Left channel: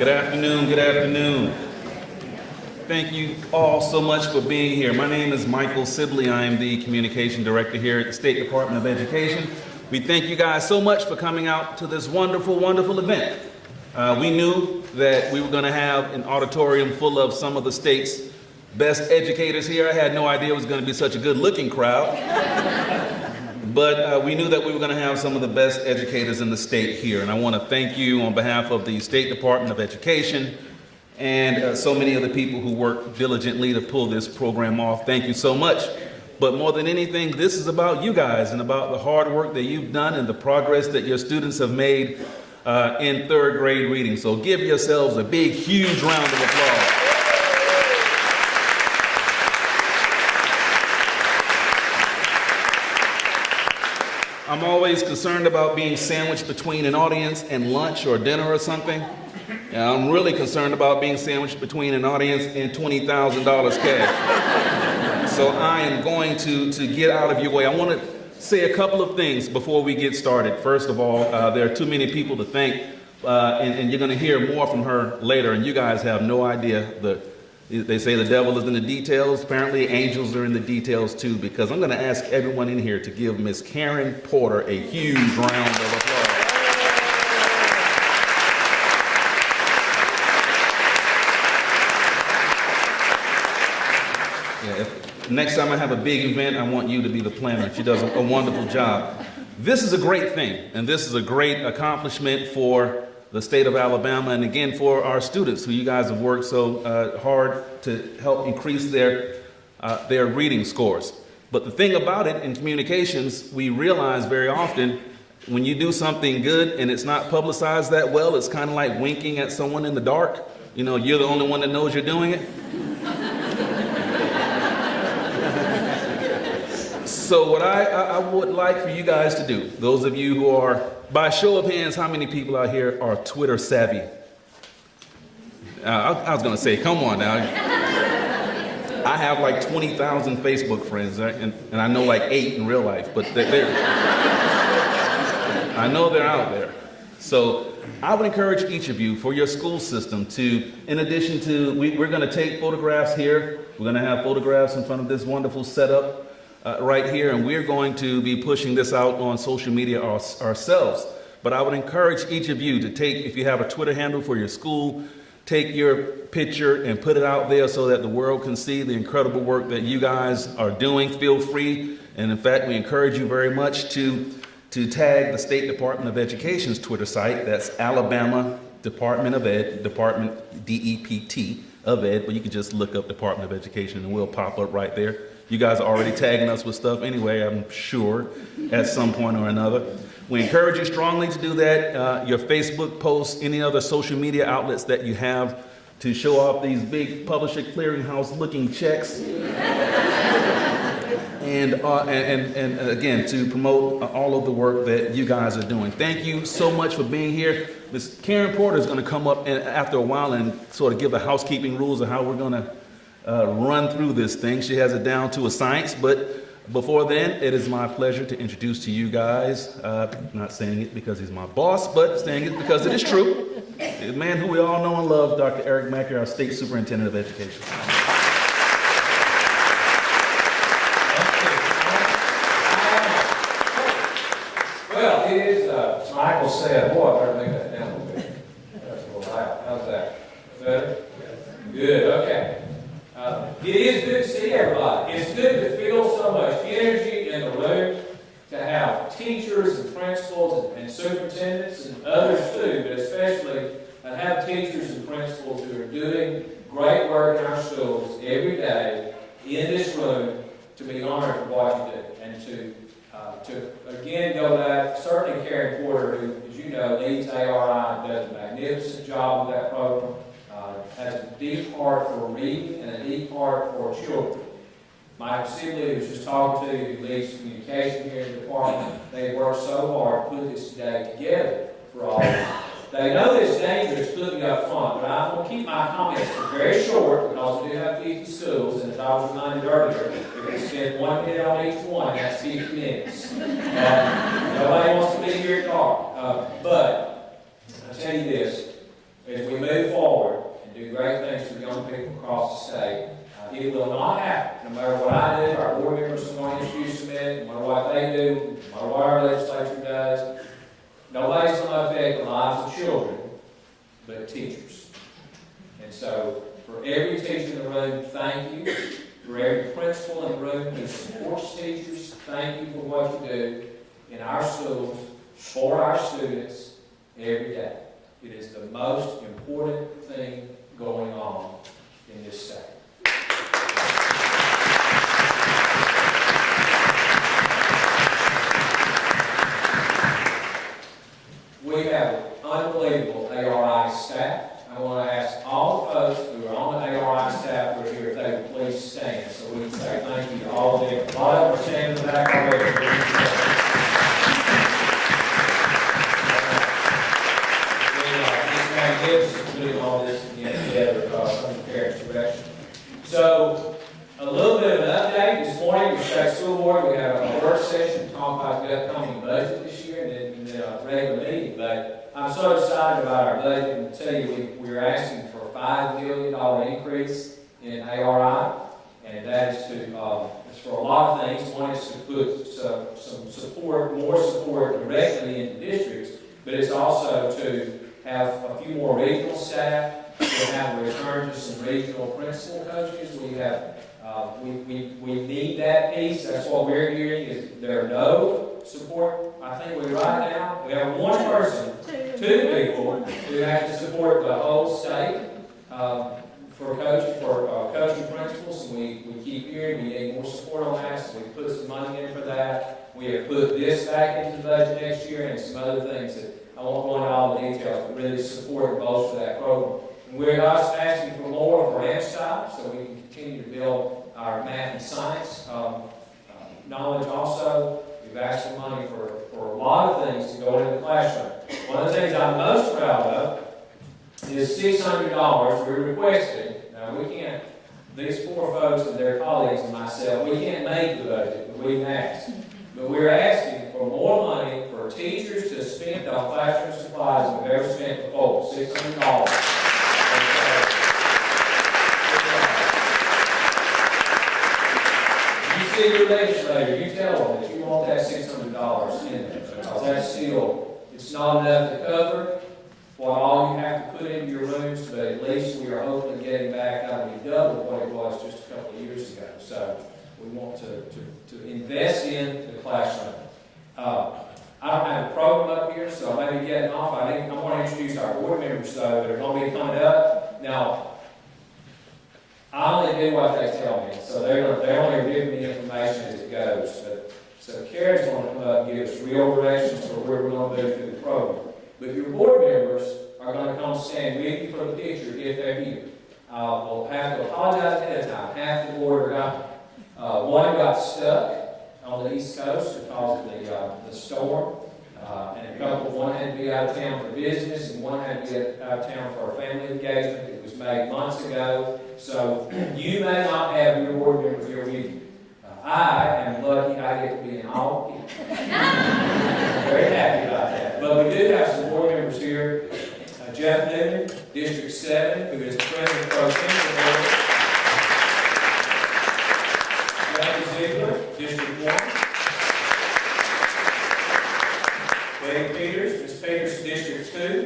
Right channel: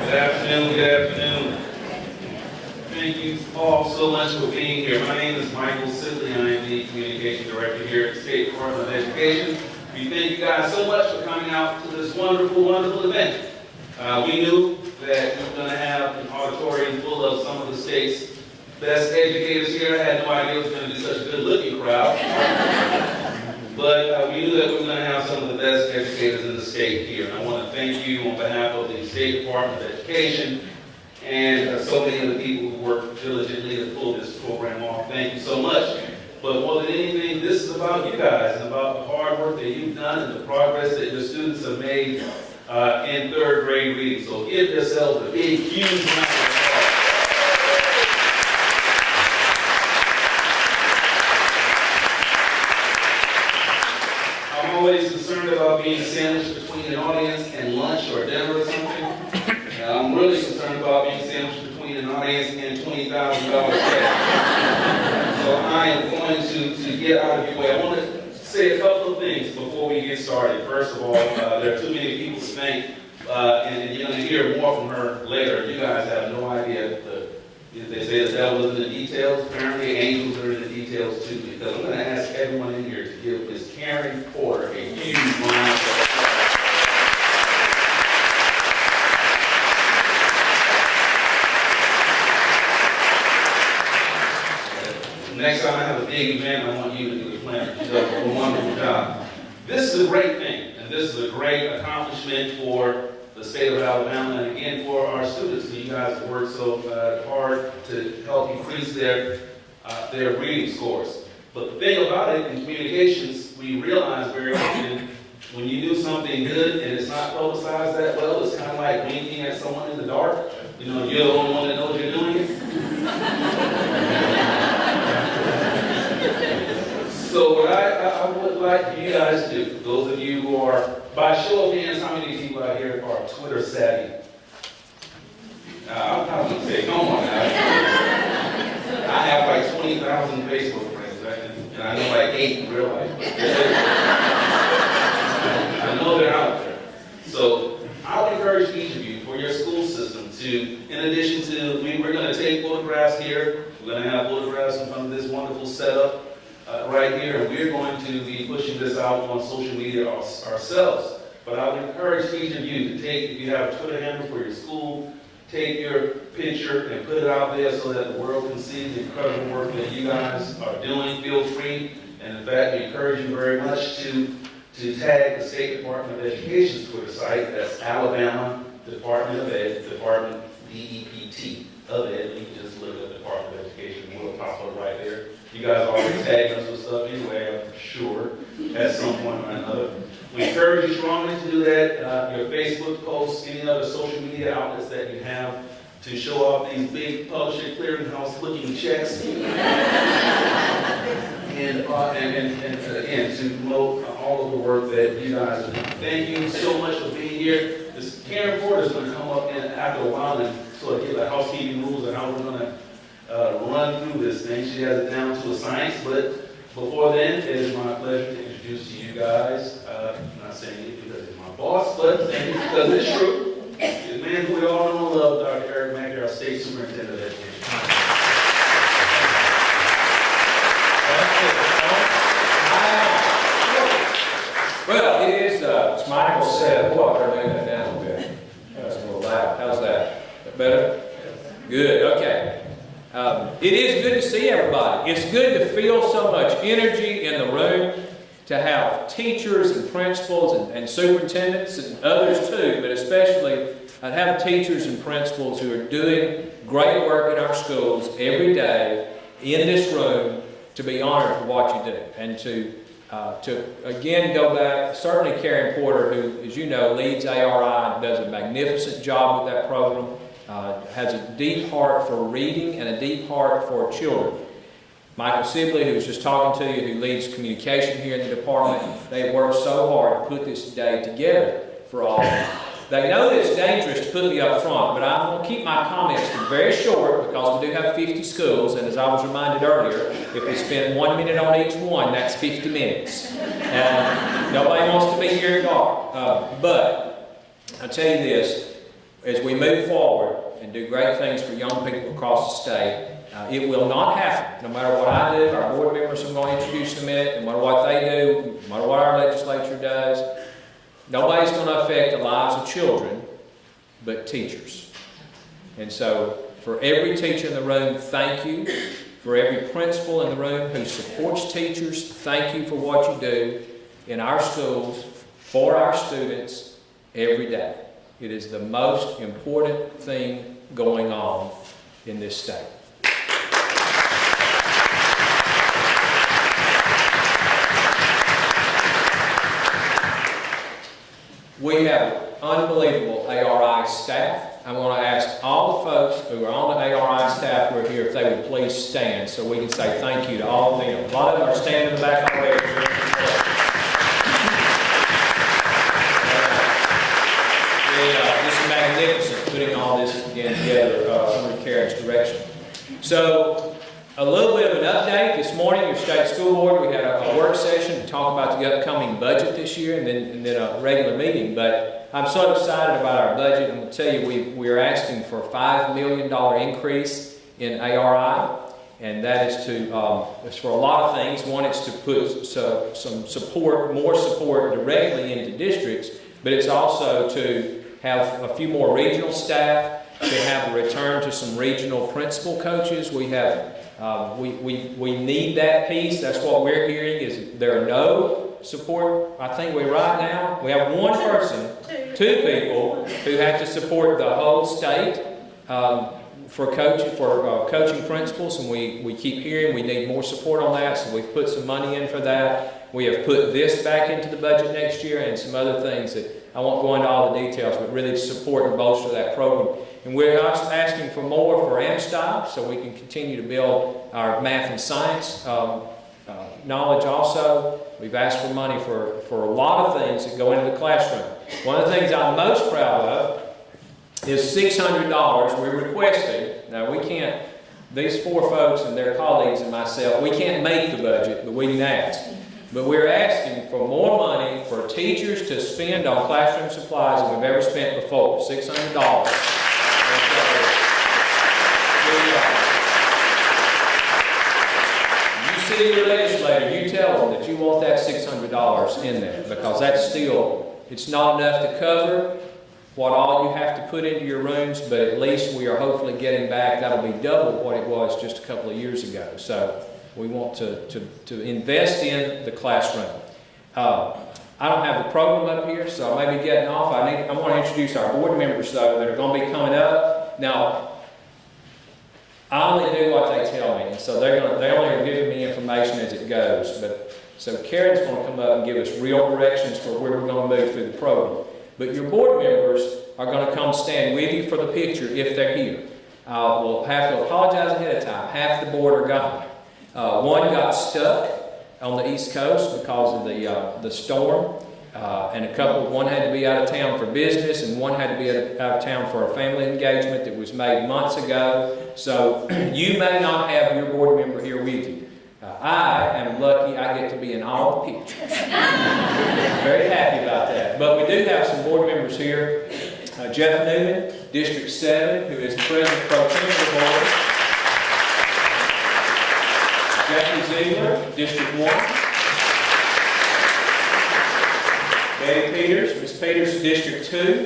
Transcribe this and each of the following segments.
Good afternoon, good afternoon. Thank you all so much for being here. My name is Michael Sibley. I am the Communication Director here at the State Department of Education. We thank you guys so much for coming out to this wonderful, wonderful event. We knew that we were going to have an auditorium full of some of the state's best educators here. I had no idea it was going to be such a good-looking crowd. But we knew that we were going to have some of the best educators in the state here. And I want to thank you on behalf of the State Department of Education and so many of the people who work diligently to pull this program off. Thank you so much. But more than anything, this is about you guys and about the hard work that you've done and the progress that your students have made in third grade reading. So give yourselves a big, huge round of applause. I'm always concerned about being sandwiched between an audience and lunch or dinner or something. I'm really concerned about being sandwiched between an audience and $20,000 cash. So I am going to get out of your way. I want to say a couple of things before we get started. First of all, there are too many people to thank, and you're going to hear more from her later, and you guys have no idea. They say the devil is in the details. Apparently angels are in the details too, because I'm going to ask everyone in here to give Miss Karen Porter a huge round of applause. Next time I have a big event, I want you to be the planner. She does a wonderful job. This is a great thing, and this is a great accomplishment for the state of Alabama, and again for our students who you guys have worked so hard to help increase their reading scores. But the thing about it in communications, we realize very often when you do something good and it's not publicized that well, it's kind of like winking at someone in the dark. You know, you're the only one that knows you're doing it. So what I would like for you guys to do, those of you who are, by show of hands, how many people out here are Twitter savvy? I was going to say, come on now. I have like 20,000 Facebook friends, right? and I know like 8 in real life, but I know they're out there. So I would encourage each of you for your school system to, in addition to, we're going to take photographs here. We're going to have photographs in front of this wonderful setup. Right here, and we're going to be pushing this out on social media ourselves. But I would encourage each of you to take, if you have a Twitter handle for your school, take your picture and put it out there so that the world can see the incredible work that you guys are doing. Feel free, and in fact, we encourage you very much to tag the State Department of Education's Twitter site. That's Alabama Department of Ed, Department DEPT of Ed, but you can just look up Department of Education and we'll pop up right there. You guys are already tagging us with stuff anyway, I'm sure, at some point or another. We encourage you strongly to do that. Your Facebook posts, any other social media outlets that you have to show off these big Publisher Clearinghouse looking checks. And again, to promote all of the work that you guys are doing. Thank you so much for being here. Ms. Karen Porter is going to come up after a while and sort of give the housekeeping rules of how we're going to run through this thing. She has it down to a science, but before then, it is my pleasure to introduce to you guys, not saying it because he's my boss, but saying it because it is true, the man who we all know and love, Dr. Eric Mackey, our State Superintendent of Education. Well, it is, as Michael said, what? I made that down a bit. That's a little loud. How's that? Better? Good, okay. It is good to see everybody. It's good to feel so much energy in the room, to have teachers and principals and superintendents and others too, but especially to have teachers and principals who are doing great work in our schools every day in this room, to be honored for what you do. And to again go back, certainly Karen Porter, who, as you know, leads ARI and does a magnificent job with that program. Has a deep heart for reading and a deep heart for children. Michael Sibley, who was just talking to you, who leads communication here in the department, they have worked so hard to put this day together for all of you. They know that it's dangerous to put me up front, but I'm going to keep my comments very short because we do have 50 schools, and as I was reminded earlier, if we spend 1 minute on each one, that's 50 minutes. Nobody wants to be here at all. But I'll tell you this, as we move forward and do great things for young people across the state, it will not happen. No matter what I do, our board members are going to introduce them in, no matter what they do, no matter what our legislature does, nobody's going to affect the lives of children but teachers. And so, for every teacher in the room, thank you. For every principal in the room who supports teachers, thank you for what you do in our schools, for our students, every day. It is the most important thing going on in this state. We have unbelievable ARI staff. I'm going to ask all the folks who are on the ARI staff who are here if they would please stand so we can say thank you to all of them. A lot of them are standing in the back already. This is magnificent, putting all this again together under Karen's direction. So, a little bit of an update. This morning, the State School Board, we had a work session to talk about the upcoming budget this year and then a regular meeting. But I'm so excited about our budget. I can tell you we're asking for a $5 million increase in ARI. And that is it's for a lot of things. One is to put some support, more support directly into districts. But it's also to have a few more regional staff, to have a return to some regional principal coaches. We have we need that piece. That's what we're hearing is there are no support. I think right now we have one person, two people who have to support the whole state for coaching principals, and we keep hearing we need more support on that. So we've put some money in for that. We have put this back into the budget next year and some other things that I won't go into all the details, but really support and bolster that program. And we're also asking for more for MSTOP so we can continue to build our math and science knowledge also. We've asked for money for a lot of things that go into the classroom. One of the things I'm most proud of is $600 we requested. Now we can't, these four folks and their colleagues and myself, we can't make the budget, but we can ask. But we're asking for more money for teachers to spend on classroom supplies than we've ever spent before, $600. You see your legislator, you tell them that you want that $600 in there, because that's still, it's not enough to cover what all you have to put into your rooms, but at least we are hopefully getting back, that'll be double what it was just a couple of years ago. So we want to invest in the classroom. I don't have the program up here, so I may be getting off. I want to introduce our board members, though, that are going to be coming up. Now, I only do what they tell me, so they're only giving me information as it goes. But so Karen's going to come up and give us real directions for where we're going to move through the program. But your board members are going to come stand with you for the picture if they're here. We'll have to apologize ahead of time. Half the board are gone. One got stuck on the East Coast because of the storm, and one had to be out of town for business, and one had to be out of town for a family engagement that was made months ago. So you may not have your board member here with you. I am lucky I get to be in all the pictures. Very happy about that. But we do have some board members here. Jeff Newman, District 7, who is the President Pro Tem of the board. Jackie Ziegler, District 1. Betty Peters, Ms. Peters, District 2.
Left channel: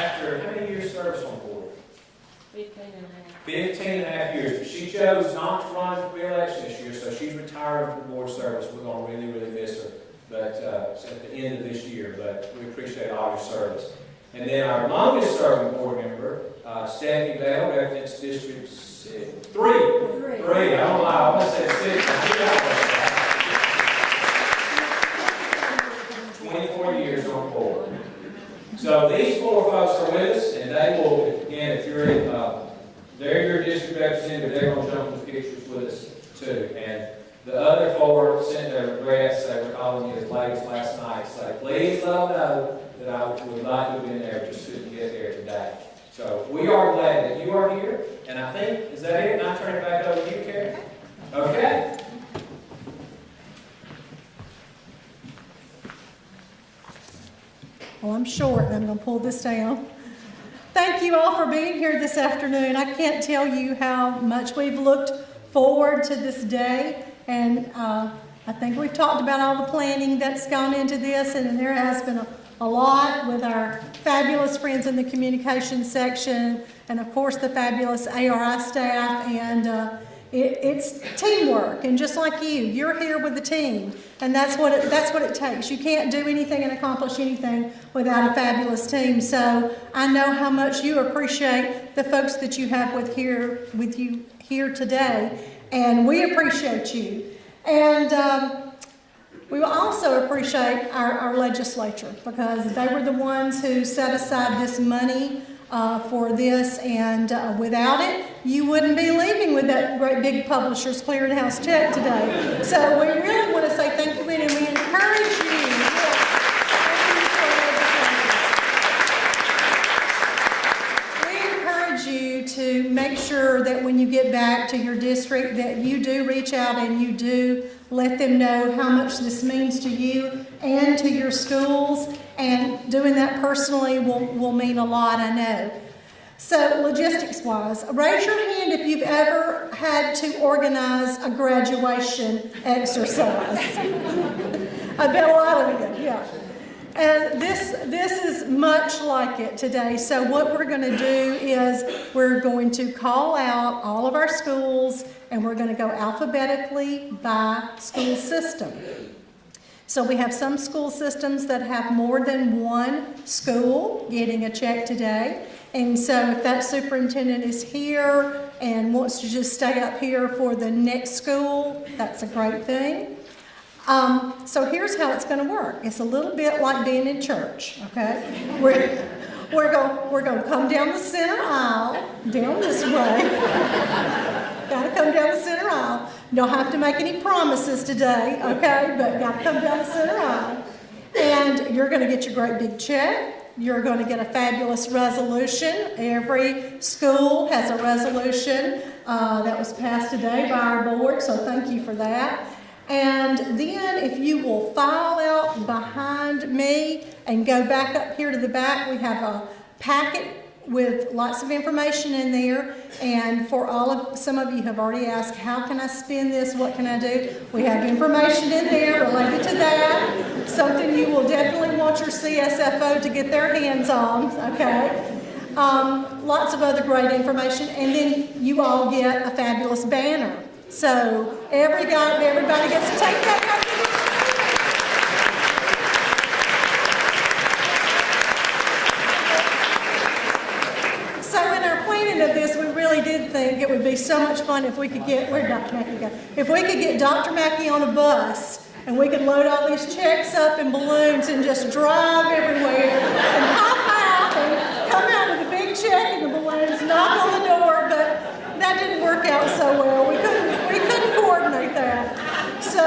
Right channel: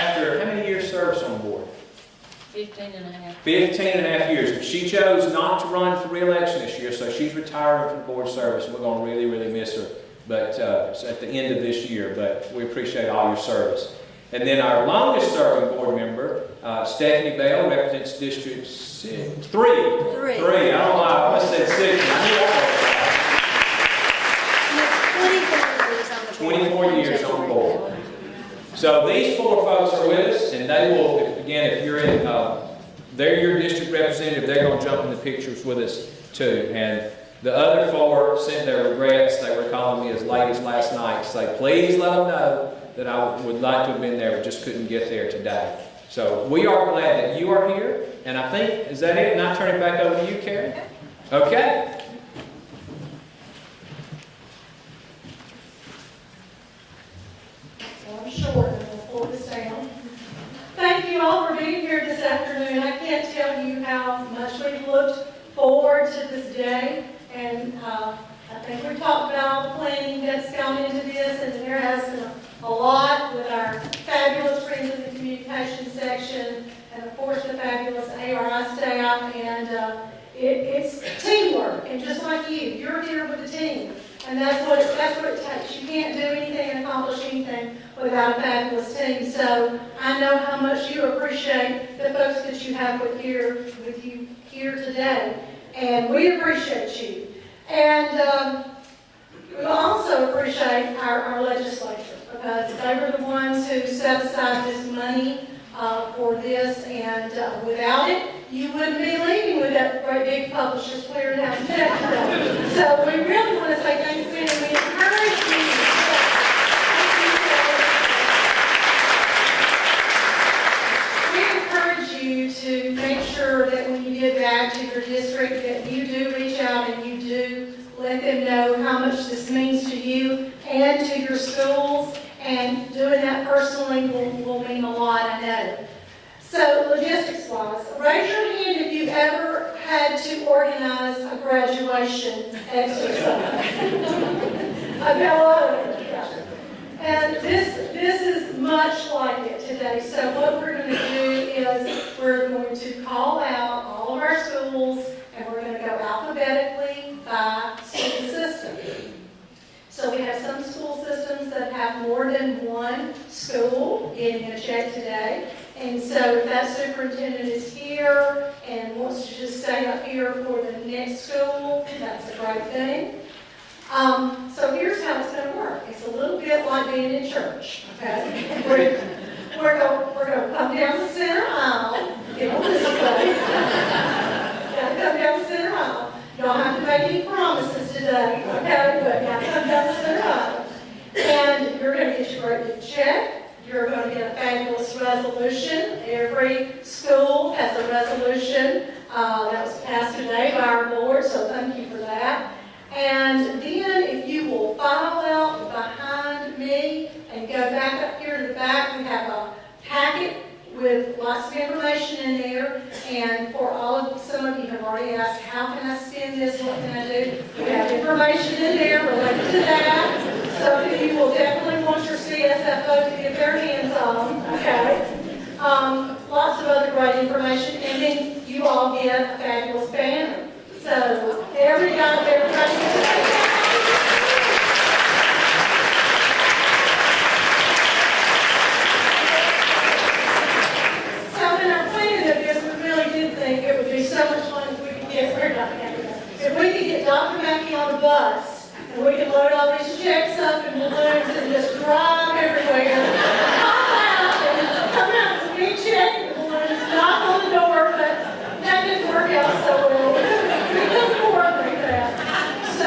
After how many years service on the board? 15 and a half. 15 and a half years. But she chose not to run for re-election this year, so she's retiring from board service. We're going to really, really miss her. But it's at the end of this year, but we appreciate all your service. And then our longest serving board member, Stephanie Bell, represents District 3. I don't know why I said 6. 24 years on the board. So these four folks are with us, and they will, again, if you're in, they're your district representative, they're going to jump in the pictures with us too. And the other four sent their regrets. They were calling me as ladies last night to say, please let them know that I would like to have been there, but just couldn't get there today. So we are glad that you are here. And I think, is that it? And I turn it back over to you, Karen? Okay. Oh, I'm short, I'm gonna pull this down. Thank you all for being here this afternoon. I can't tell you how much we've looked forward to this day. And I think we've talked about all the planning that's gone into this, and there has been a lot with our fabulous friends in the communications section, and of course the fabulous ARI staff, and it's teamwork. And just like you're here with the team, and that's what it takes. You can't do anything and accomplish anything without a fabulous team. So I know how much you appreciate the folks that you have with you here today, and we appreciate you. And we will also appreciate our legislature, because they were the ones who set aside this money for this, and without it, you wouldn't be leaving with that great big Publishers Clearinghouse check today. So we really want to say thank you, and we encourage you to make sure that when you get back to your district that you do reach out and you do let them know how much this means to you and to your schools, and doing that personally will mean a lot, I know. So logistics-wise, raise your hand if you've ever had to organize a graduation exercise. I bet a lot of it, yeah. And this is much like it today. So what we're going to do is we're going to call out all of our schools, and we're going to go alphabetically by school system. So we have some school systems that have more than one school getting a check today. And so if that superintendent is here and wants to just stay up here for the next school, that's a great thing. So here's how it's going to work. It's a little bit like being in church, okay? We're going to come down the center aisle, down this way. Got to come down the center aisle. Don't have to make any promises today, okay? But got to come down the center aisle. And you're going to get your great big check. You're going to get a fabulous resolution. Every school has a resolution that was passed today by our board, so thank you for that. And then if you will file out behind me and go back up here to the back, we have a packet with lots of information in there. And for some of you have already asked, how can I spend this? What can I do? We have information in there related to that. Something you will definitely want your CSFO to get their hands on, okay? Lots of other great information. And then you all get a fabulous banner. So everybody gets to take that. So in our planning of this, we really did think it would be so much fun if we could get, if we could get Dr. Mackey on a bus, and we could load all these checks up in balloons and just drive everywhere. And come out with a big check and the balloons, knock on the door, but that didn't work out so well. We couldn't coordinate that. So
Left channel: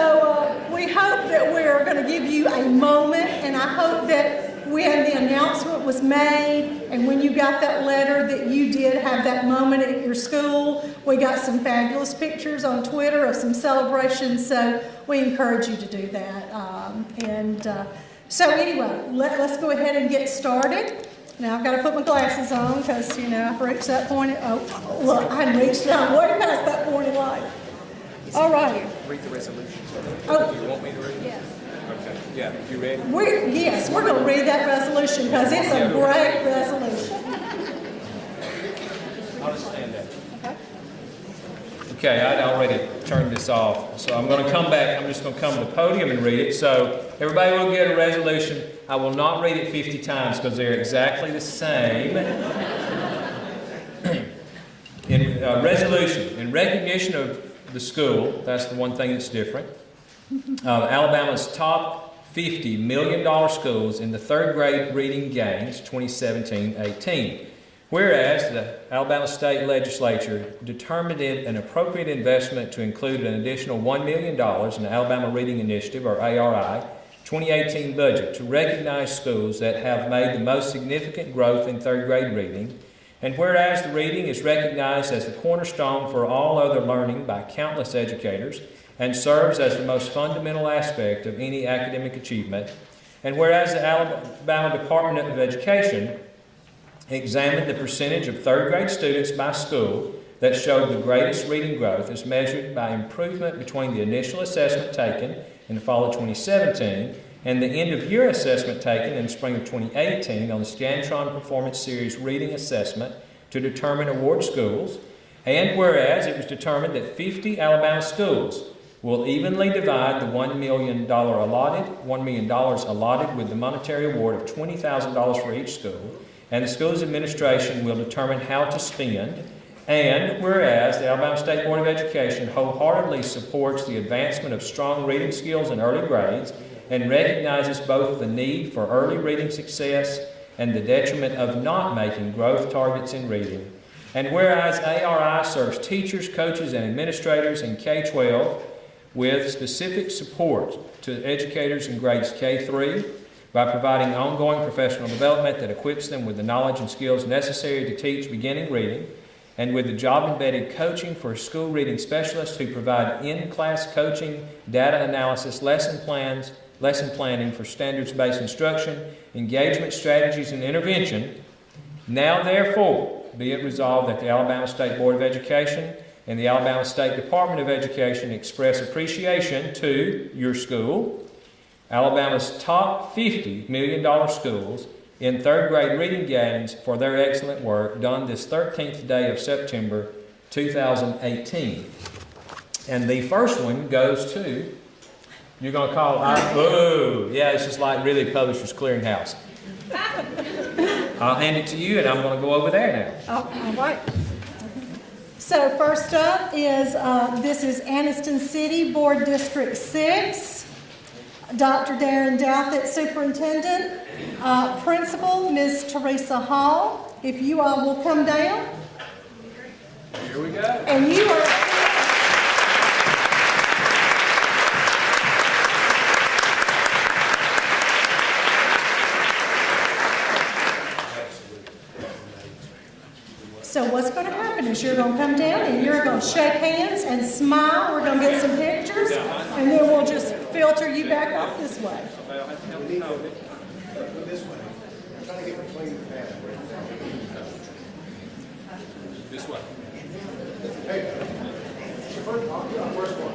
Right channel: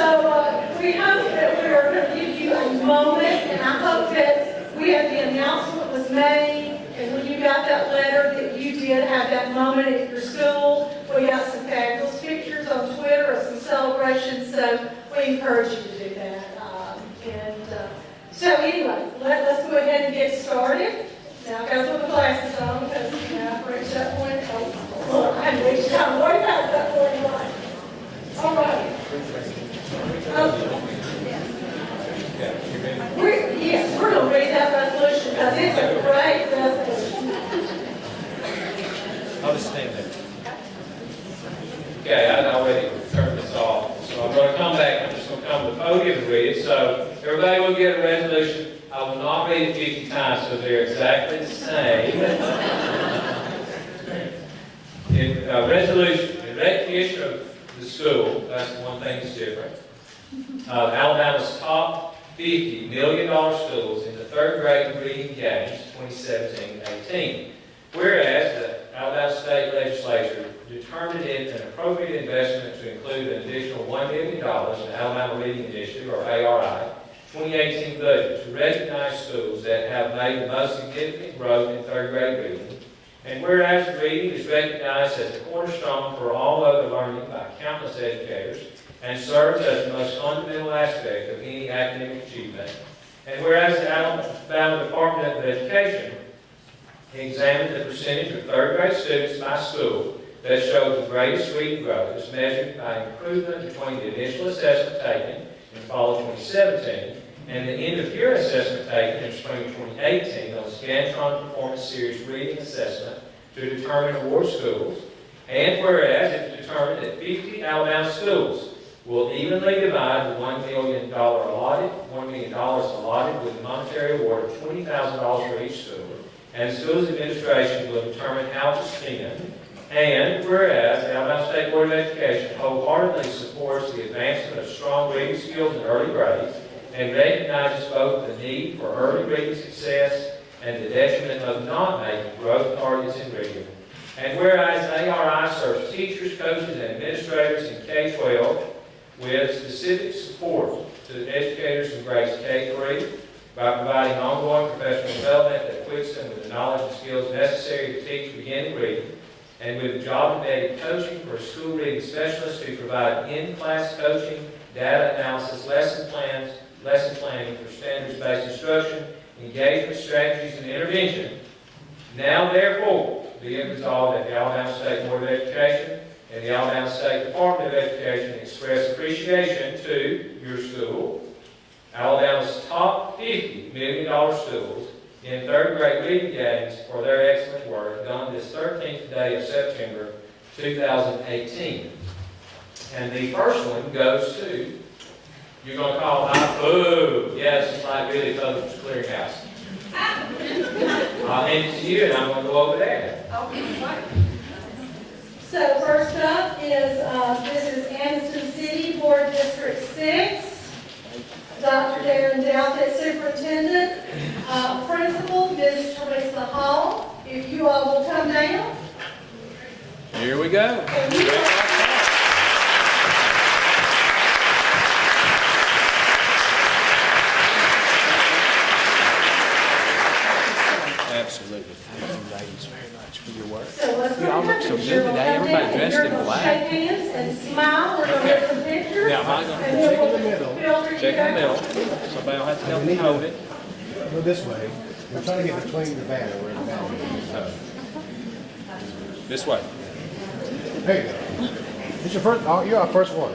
we hope that we are going to give you a moment, and I hope that when the announcement was made and when you got that letter that you did have that moment at your school. We got some fabulous pictures on Twitter of some celebrations, so we encourage you to do that. So anyway, let's go ahead and get started. Now I've got to put my glasses on because, I've reached that point. Oh, look, I missed it. I'm way past that point in line. All right. Yes, we're going to read that resolution because it's a great resolution. I'll just stand there. Okay, I already turned this off, so I'm going to come back. I'm just going to come to the podium and read it. So everybody will get a resolution. I will not read it 50 times because they're exactly the same. Resolution, in recognition of the school, that's the one thing that's different. Alabama's top 50 $1 million schools in the third grade reading games 2017-18. Whereas the Alabama State Legislature determined it an appropriate investment to include an additional $1 million in the Alabama Reading Initiative, or ARI, 2018 budget to recognize schools that have made the most significant growth in third grade reading. And whereas the reading is recognized as the cornerstone for all other learning by countless educators and serves as the most fundamental aspect of any academic achievement, And whereas the Alabama Department of Education examined the percentage of third grade students by school that showed the greatest reading growth as measured by improvement between the initial assessment taken in the fall of 2017 and the end-of-year assessment taken in the spring of 2018 on the Scantron Performance Series Reading Assessment to determine award schools, and whereas it was determined that 50 Alabama schools will evenly divide the $1 million allotted with a monetary award of $20,000 for each school, and the school's administration will determine how to spend. And whereas the Alabama State Board of Education wholeheartedly supports the advancement of strong reading skills in early grades and recognizes both the need for early reading success and the detriment of not making growth targets in reading. And whereas ARI serves teachers, coaches, and administrators in K-12 with specific support to educators in grades K-3 by providing ongoing professional development that equips them with the knowledge and skills necessary to teach beginning reading, and with the job-embedded coaching for school reading specialists who provide in-class coaching, data analysis, lesson planning for standards-based instruction, engagement strategies, and intervention. Now, therefore, be it resolved that the Alabama State Board of Education and the Alabama State Department of Education express appreciation to your school, Alabama's top 50 $1 million schools, in third grade reading games for their excellent work done this 13th day of September 2018. And the first one goes to, you're going to call it, boo! Yeah, this is like really Publishers Clearinghouse. I'll hand it to you and I'm going to go over there now. Oh, all right. So first up is, this is Anniston City Board District 6. Dr. Darren Douthit, Superintendent. Principal, Ms. Teresa Hall. If you all will come down. Here we go. And you are... Absolutely. Thanks very much for your work. So what's going to happen is you're going to come down and you're going to shake hands and smile. We're going to get some pictures. And then we'll just filter you down. Somebody will have to help me hold it. Go this way. We're trying to get between the back. This way. There you go. It's your first. Oh, you're our first one.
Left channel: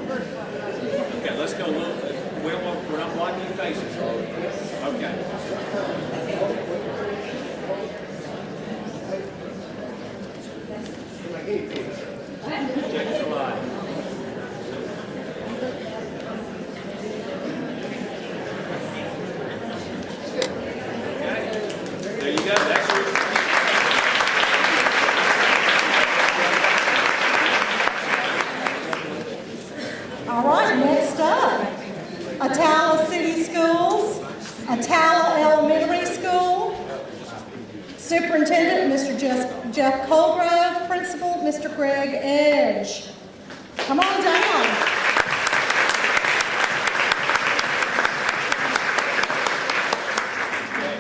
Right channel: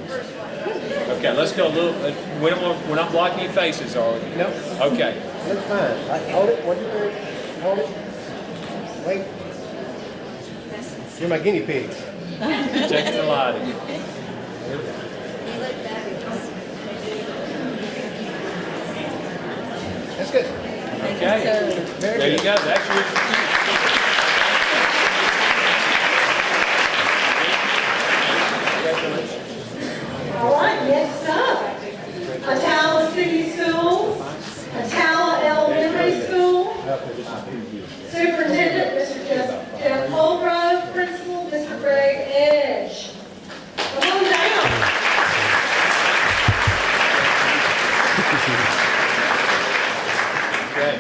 Okay, let's go a little. We're not blocking your faces, are we? No. Okay. That's fine. Hold it. 1, 2, 3. Hold it. Wait. You're my guinea pig. Check the lighting. That's good. Okay. There you go. That's your. All right, next up, Atala City Schools, Atala Elementary School, Superintendent, Mr. Jeff Holgrove, Principal, Mr. Greg Edge. Come on down. Okay.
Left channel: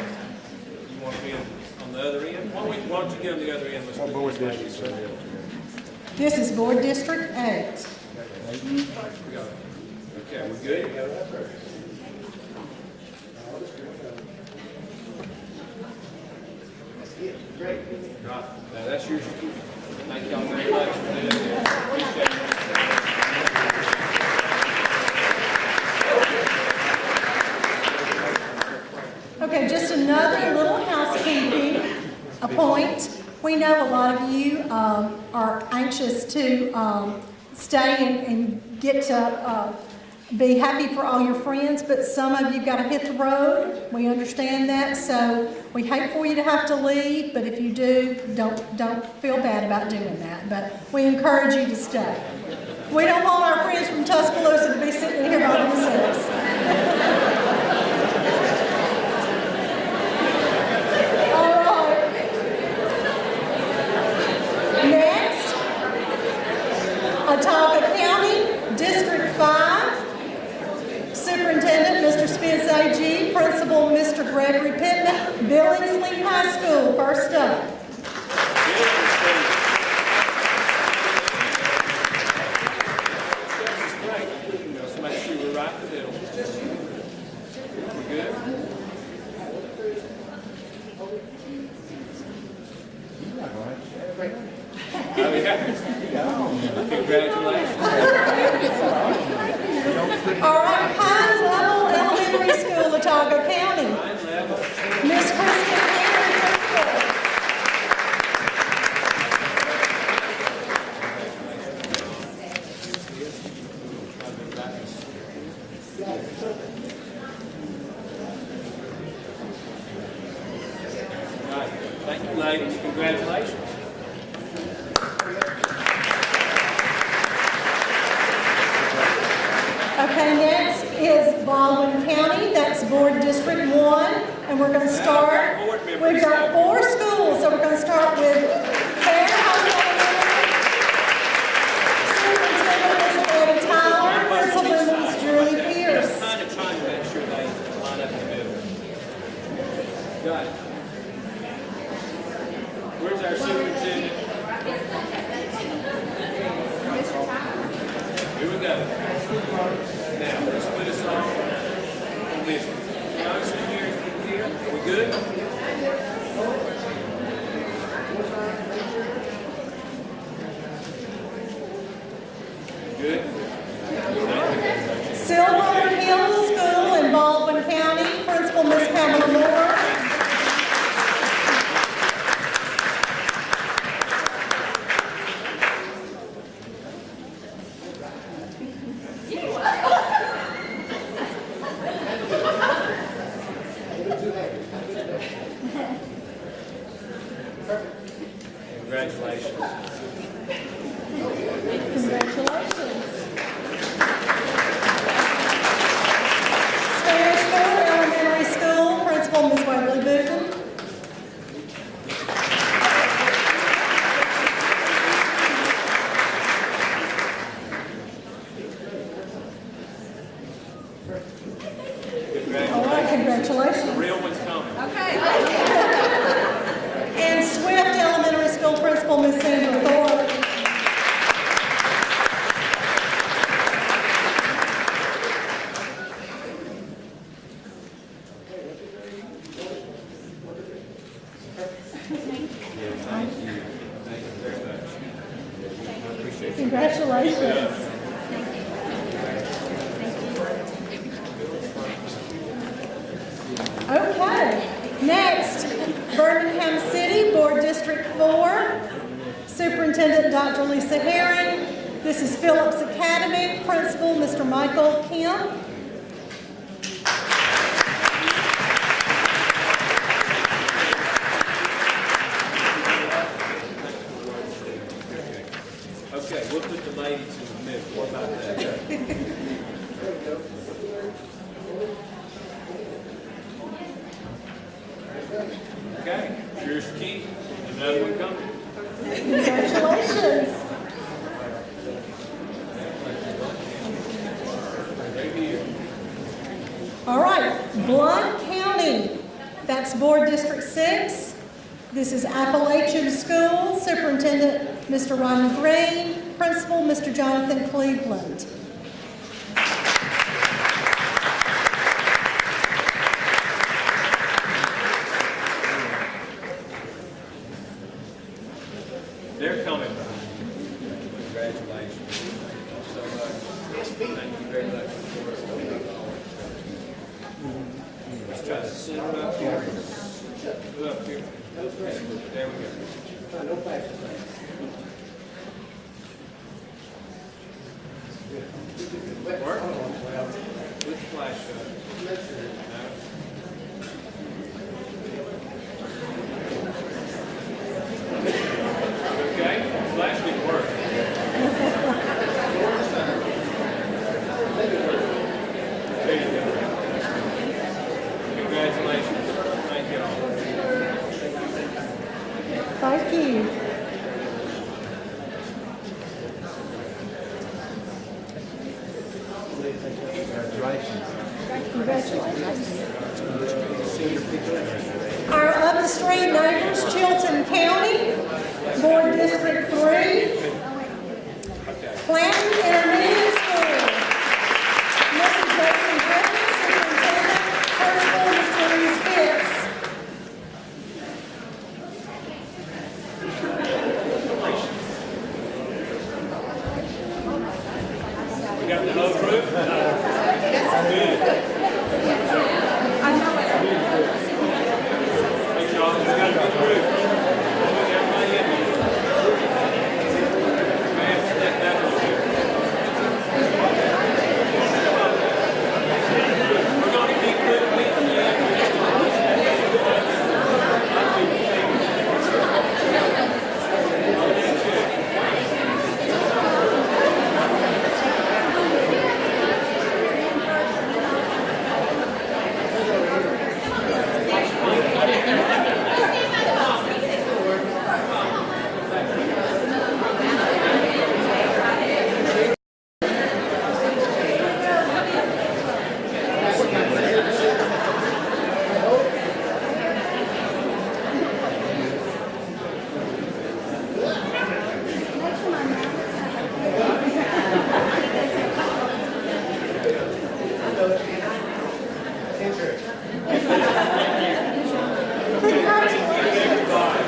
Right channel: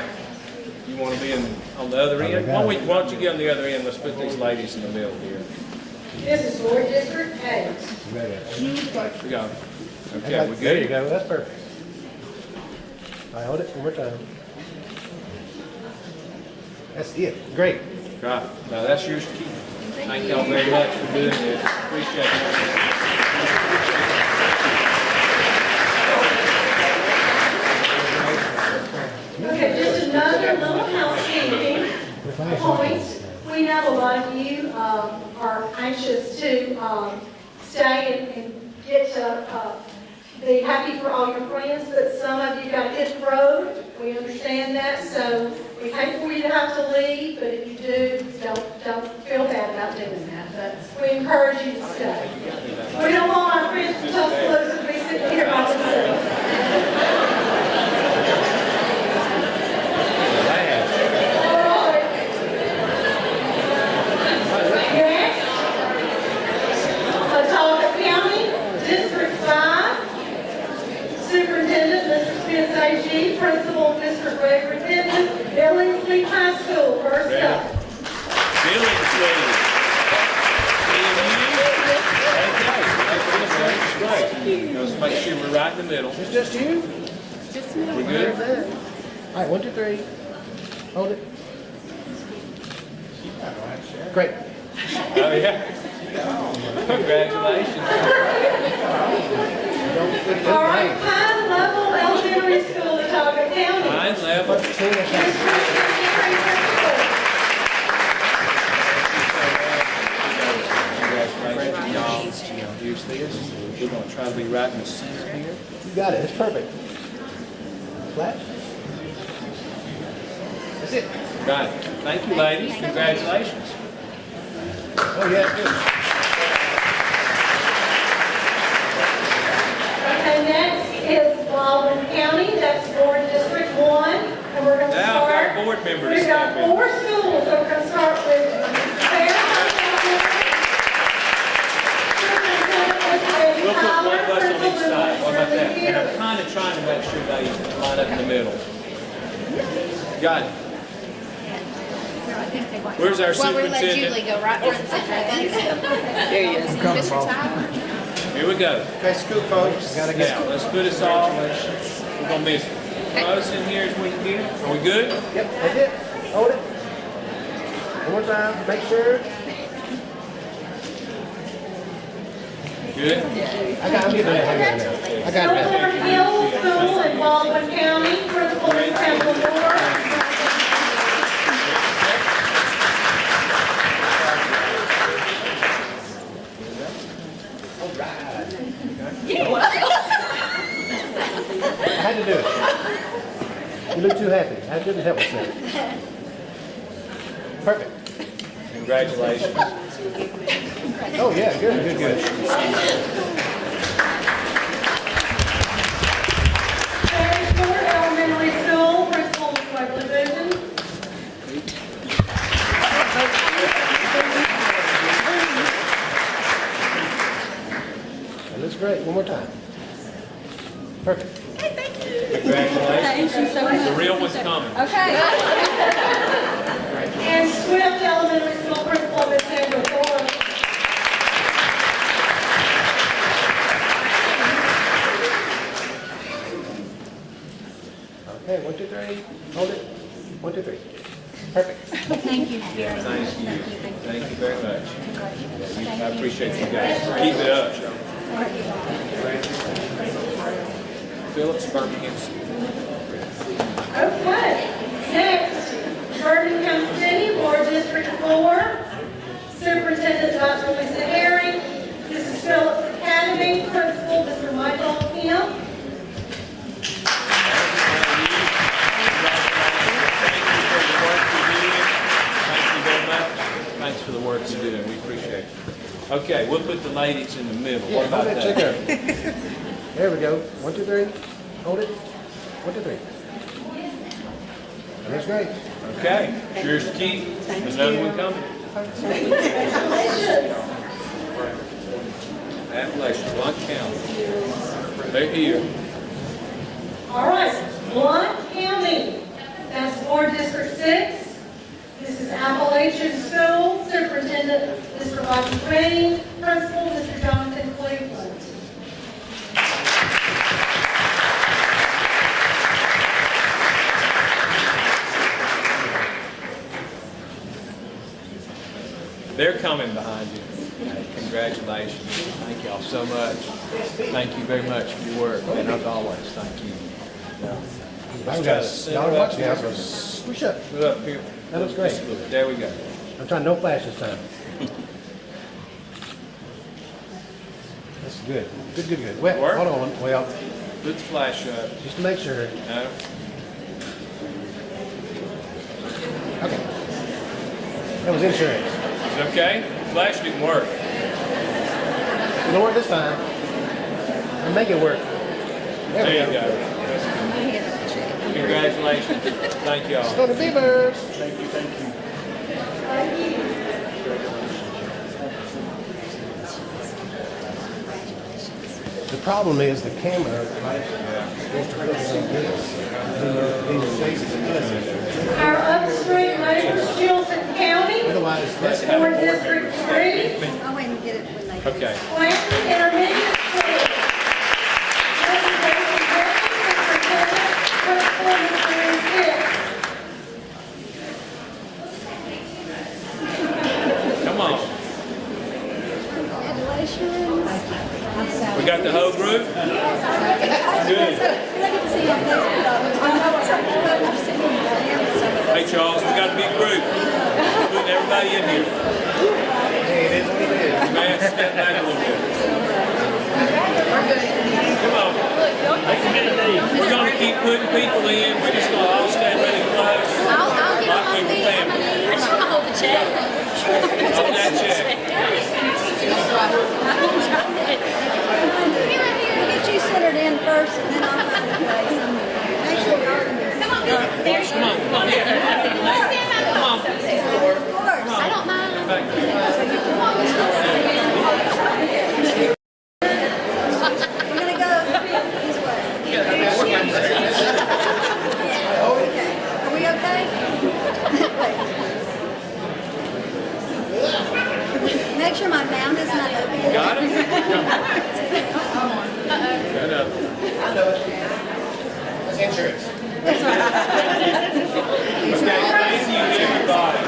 You want to be on the other end? Why don't you get on the other end? Let's put these ladies in the middle here. This is Board District 8. We go. Okay, we There you good? go. That's perfect. I hold it one more time. That's it. Great. Right. Now that's yours to keep. Thank y'all very much for doing this. Appreciate Okay, just another little housekeeping point. We know a lot of you are anxious to stay and get to be happy for all your friends, but some of you got to hit the road. We understand that, so we hate for you to have to leave, but if you do, don't feel bad about doing that. But we encourage you to stay. We don't want our friends from Tuscaloosa to be sitting here on the seats. Next, Atala County, District 5, Superintendent, Mr. Spence A.G., Principal, Mr. Gregory Pittman, Billingsley High School, first up. Let's make sure we're right in the middle. It's just you? We good? All right, 1, 2, 3. Hold it. Great. Oh, yeah. Congratulations. All right, Pines Level Elementary School, Watauga County. 9/11. Miss Kristen Henry. Congratulations, y'all. Use this. We're gonna try to be right in the center here. You got it. It's perfect. Flash. That's it. Right. Thank you, ladies. Congratulations. Oh, yeah, good. Okay, next is Baldwin County, that's Board District 1, and we're gonna Now, start. our board members We've got step in. 4 schools, so we're gonna start with Claire High. Superintendent is We'll put one person each side. How about that? And Pierce. I'm kind of trying to make sure ladies can line up in the middle. Got it. Where's our Well, we let superintendent? Julie go right front and center, I think. There he is. Mr. Tyler. Here we go. Okay, school folks. Gotta go. Now, let's put us all, we're gonna be as close in here as we can get. Are we good? Yep, that's it. Hold it. One more time. Make sure. Good? I got it. Silver Hill School in Baldwin County, Principal Ms. Pamela Moore. I had to do it. You look too happy. I couldn't help myself. Perfect. Congratulations. Oh, yeah, good, good, good. Sparrow Elementary School, Principal Ms. Waverly Goodman. That looks great. One more time. Perfect. Congratulations. The Congratulations. real one's coming. Okay. And Swift Elementary School Principal Ms. Sandra Ford. Okay, 1, 2, 3. Hold it. 1, 2, 3. Perfect. Thank you. Thank you. Thank you very much. I appreciate you guys. Keep it up. Phillips, Perkins. Okay, next, Birmingham City, Board District 4, Superintendent Dr. Lisa Herring. This is Phillips Academy, Principal Mr. Michael Kemp. Thanks for the work you do. We appreciate it. Okay, we'll put the ladies in the middle. What about Hold it. Check that? there. There we go. 1, 2, 3. Hold it. 1, 2, 3. That's great. Okay, here's Keith. Another one coming. Congratulations. Appalachian, Blunt County. They're here. All right, Blount County, that's Board District 6. This is Appalachian School, Superintendent Mr. Ryan Green, Principal Mr. Jonathan Cleveland. They're coming behind you. Congratulations. Thank y'all so much. Thank you very much for your work, and as always, thank you. Let's try to sit Y'all up watch here. now. Push up. Sit up here. That looks great. There we go. I'm trying no flash this time. That's good. Good, good, good. Well, Work? hold on. Well, Put the flash up. just to make sure. No? That was insurance. Okay? Flash didn't work. It'll work this time. We'll make it work. There you go. Congratulations. Thank y'all. Go to Beavers. Thank you. The problem is the camera, right? Our upstream neighbors, Chilton County, Otherwise, Board District 3, I'll wait and get it when they. Okay. Clanton Intermediate School. Mr. Jason Perry, Superintendent, Principal Mr. Bruce Hill. through? Good. Hey, Charles, we got a big group. Putting everybody in here. Man, step back a little bit. Come on. We're going to keep putting people in. We're just going to all stand really close. I'll get Like on with the the family. whole check. On that check. Get you centered in first and then I'll. Come on, come on. I don't mind. Gonna go. Are we okay? Make sure my pound is not open. Got it? Insurance. Okay, thank you, everybody.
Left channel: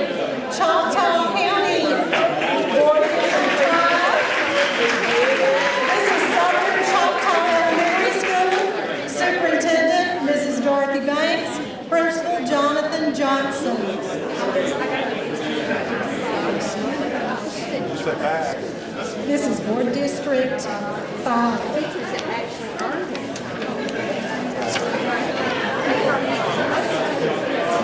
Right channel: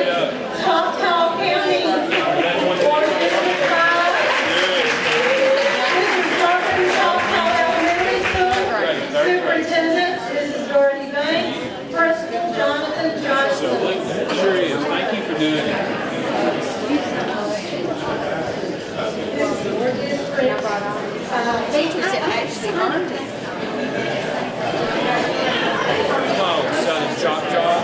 Choctaw County. This is Southern Choctaw Elementary School. Superintendent, Mrs. Dorothy Banks. Principal, Jonathan Johnson. Sure is. Thank you for doing that. This is for District 5. Teachers that actually earned it. Come on, Southern Choctaw.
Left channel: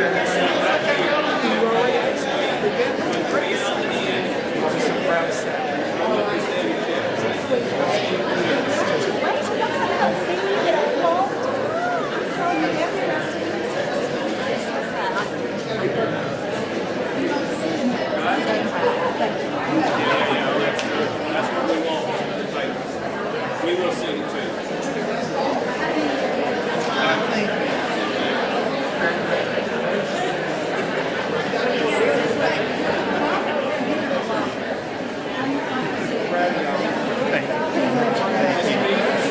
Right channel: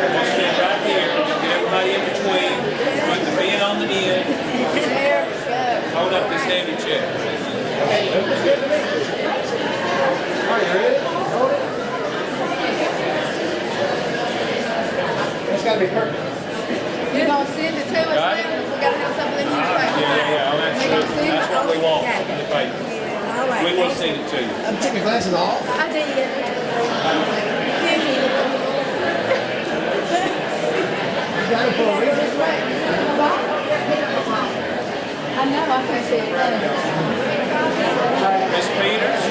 Just sit right here. Get everybody in between. Put the men on the end. Hold up this heavy chair. That's gotta be perfect. You don't send it to us, Right. then we gotta have something in your Yeah, that's what we want on the paper. We will send it to you. You took your glasses off? I did. Go this way. I know, I can see it. Ms. Peters?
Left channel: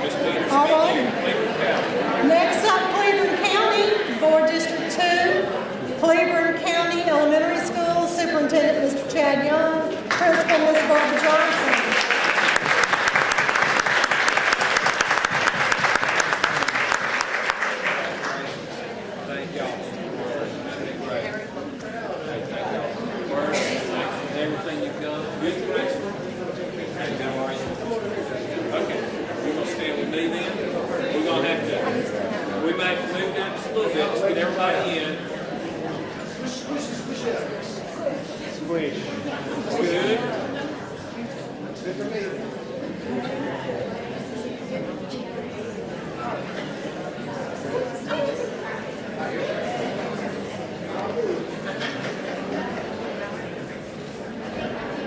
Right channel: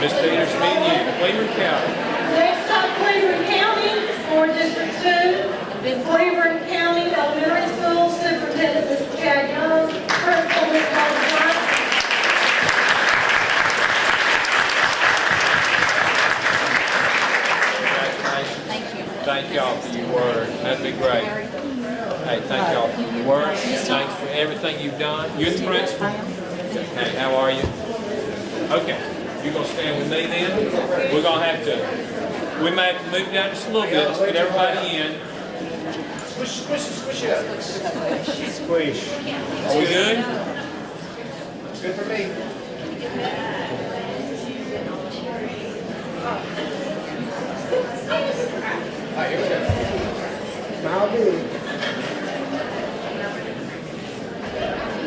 Ms. Peters, me and you, Cleveland County. Next up, Cleveland County, for District 2. Cleveland County Elementary School Superintendent, Mr. Chad Young. Principal, Ms. Barbara Johnson. Thank y'all for your work. That'd be great. Hey, thank y'all for your work. Thanks for everything you've done. You're the principal. Hey, how are you? Okay. You're gonna stand with me then? We're gonna have to, we may have to move down just a little bit to get everybody in. Squish it up. Squish. Are we good? It's good for me. Hi, your turn. Smile big.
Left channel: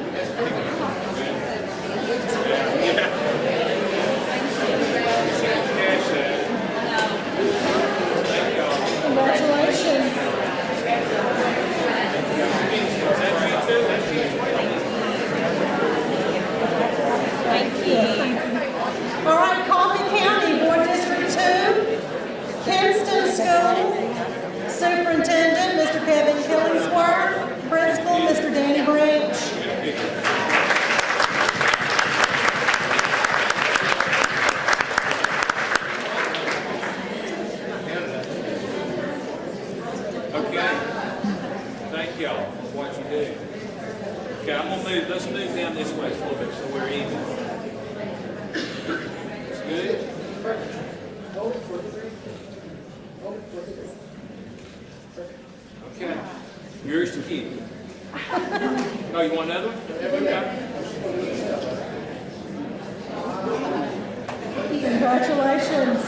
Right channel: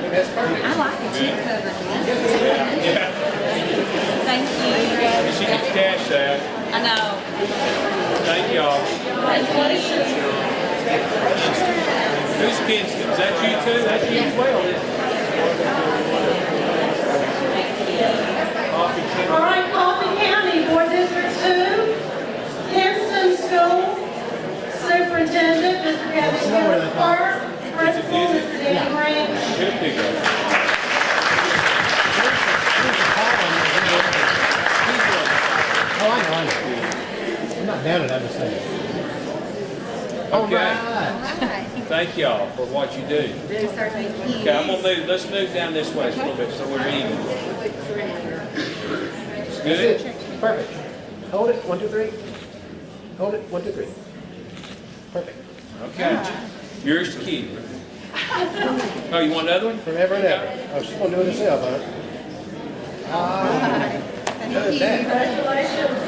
That's perfect. I like the chip cover. Yeah. Thank you. You should get the cash out. I know. Thank y'all. Congratulations. Who's kids? Is that you too? That's you as well. All right, Coffee County, for District 2. Kinston School Superintendent, Mr. Kevin Squire. Principal, Mr. Danny Branch. Good people. Oh, I know. I'm not down at understanding. Okay. Thank y'all for what you do. Okay, I'm gonna move, let's move down this way a little bit so we're even. It's That's good? it. Perfect. Hold it. 1, 2, 3. Hold it. 1, 2, 3. Perfect. Okay. Yours to keep. Oh, you want another one? Forever and ever. Oh, she's gonna do it herself, huh? Congratulations.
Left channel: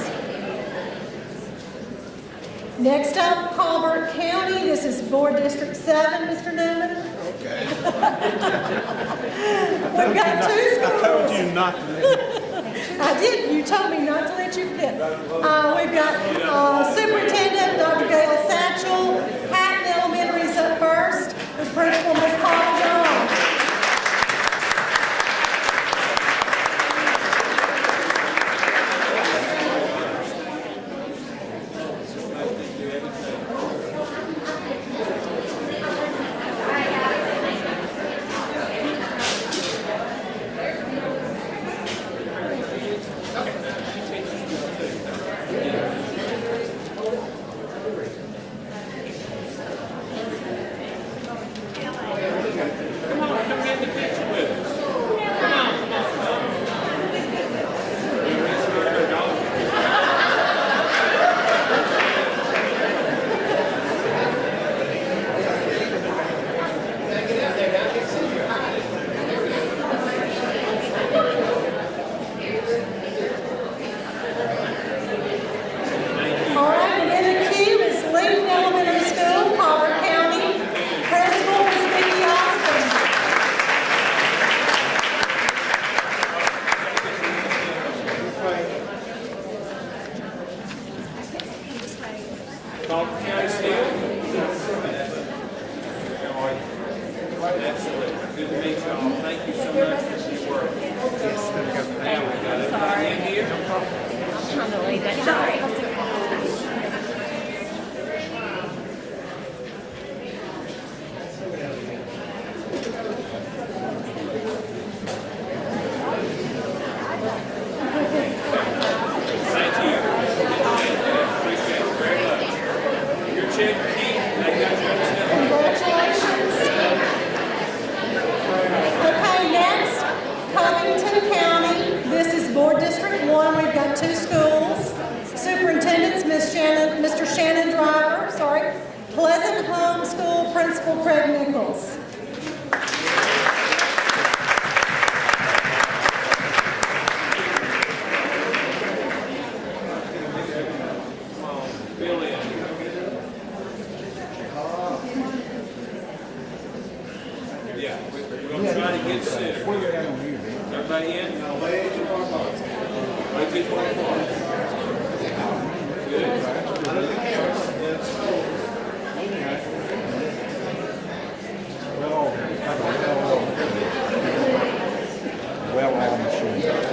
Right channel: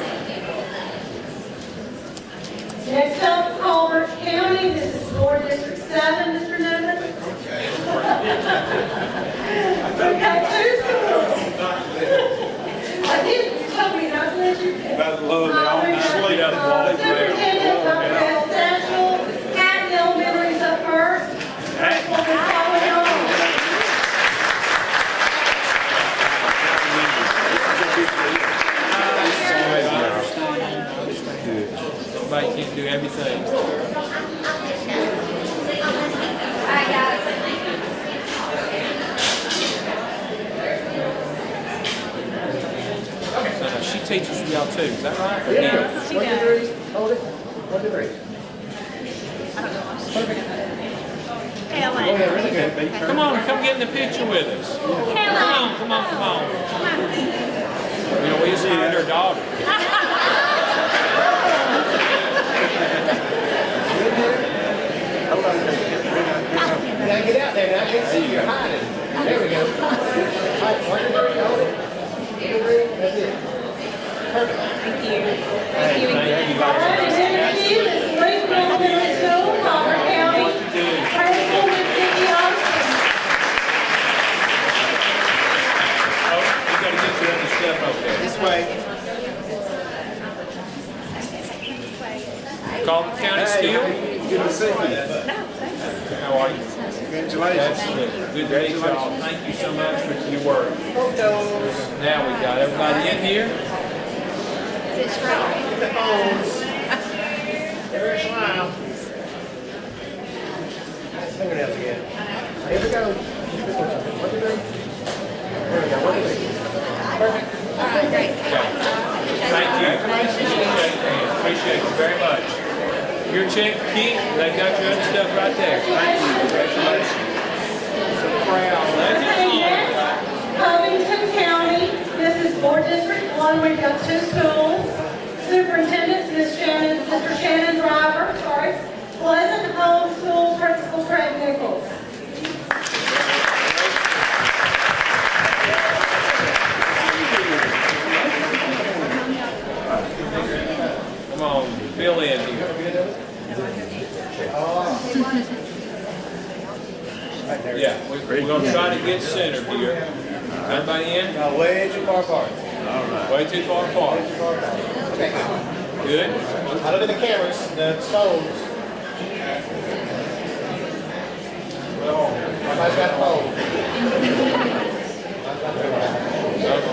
Next up, Colbert County, this is for District 7, Mr. Newman. We've got 2 schools. I did, you told me not to let you pick. We've got Superintendent Dr. Dale Satchel, Hatton Elementary is up first. Principal everything. She teaches for y'all too, is that right? Yeah. She does. Hold it. 1, 2, 3. Helen. Really good. Big turn. Come on, come get in the picture with us. Come on. You know, we just hired her daughter. Get out there now. I can see you're hiding. There we go. Thank you. All right, next to you is Luke Elementary School, Palmer County. Principal is Vicky Austin. This way. Coffee County still? Good to see you. How are you? Congratulations. Absolutely. Good to meet y'all. Thank you so much for your work. Now we got everybody in here. Eric, smile. Fingernails again. Here we go. What do you think? There we go. What do you think? Thank you. Appreciate you very much. Your check, Keith, they got your other stuff right there. Congratulations. So proud. Okay, next, Covington County, this is Board District 1, we've got 2 schools. Superintendent's Mr. Shannon Driver, Pleasant Home School Principal Craig Nichols. Come on, fill in here. Yeah, we're going to try to get centered here. Everybody in? Way too far apart. Way too far apart. Good? Out of the cameras, the phones. Everybody's got a phone.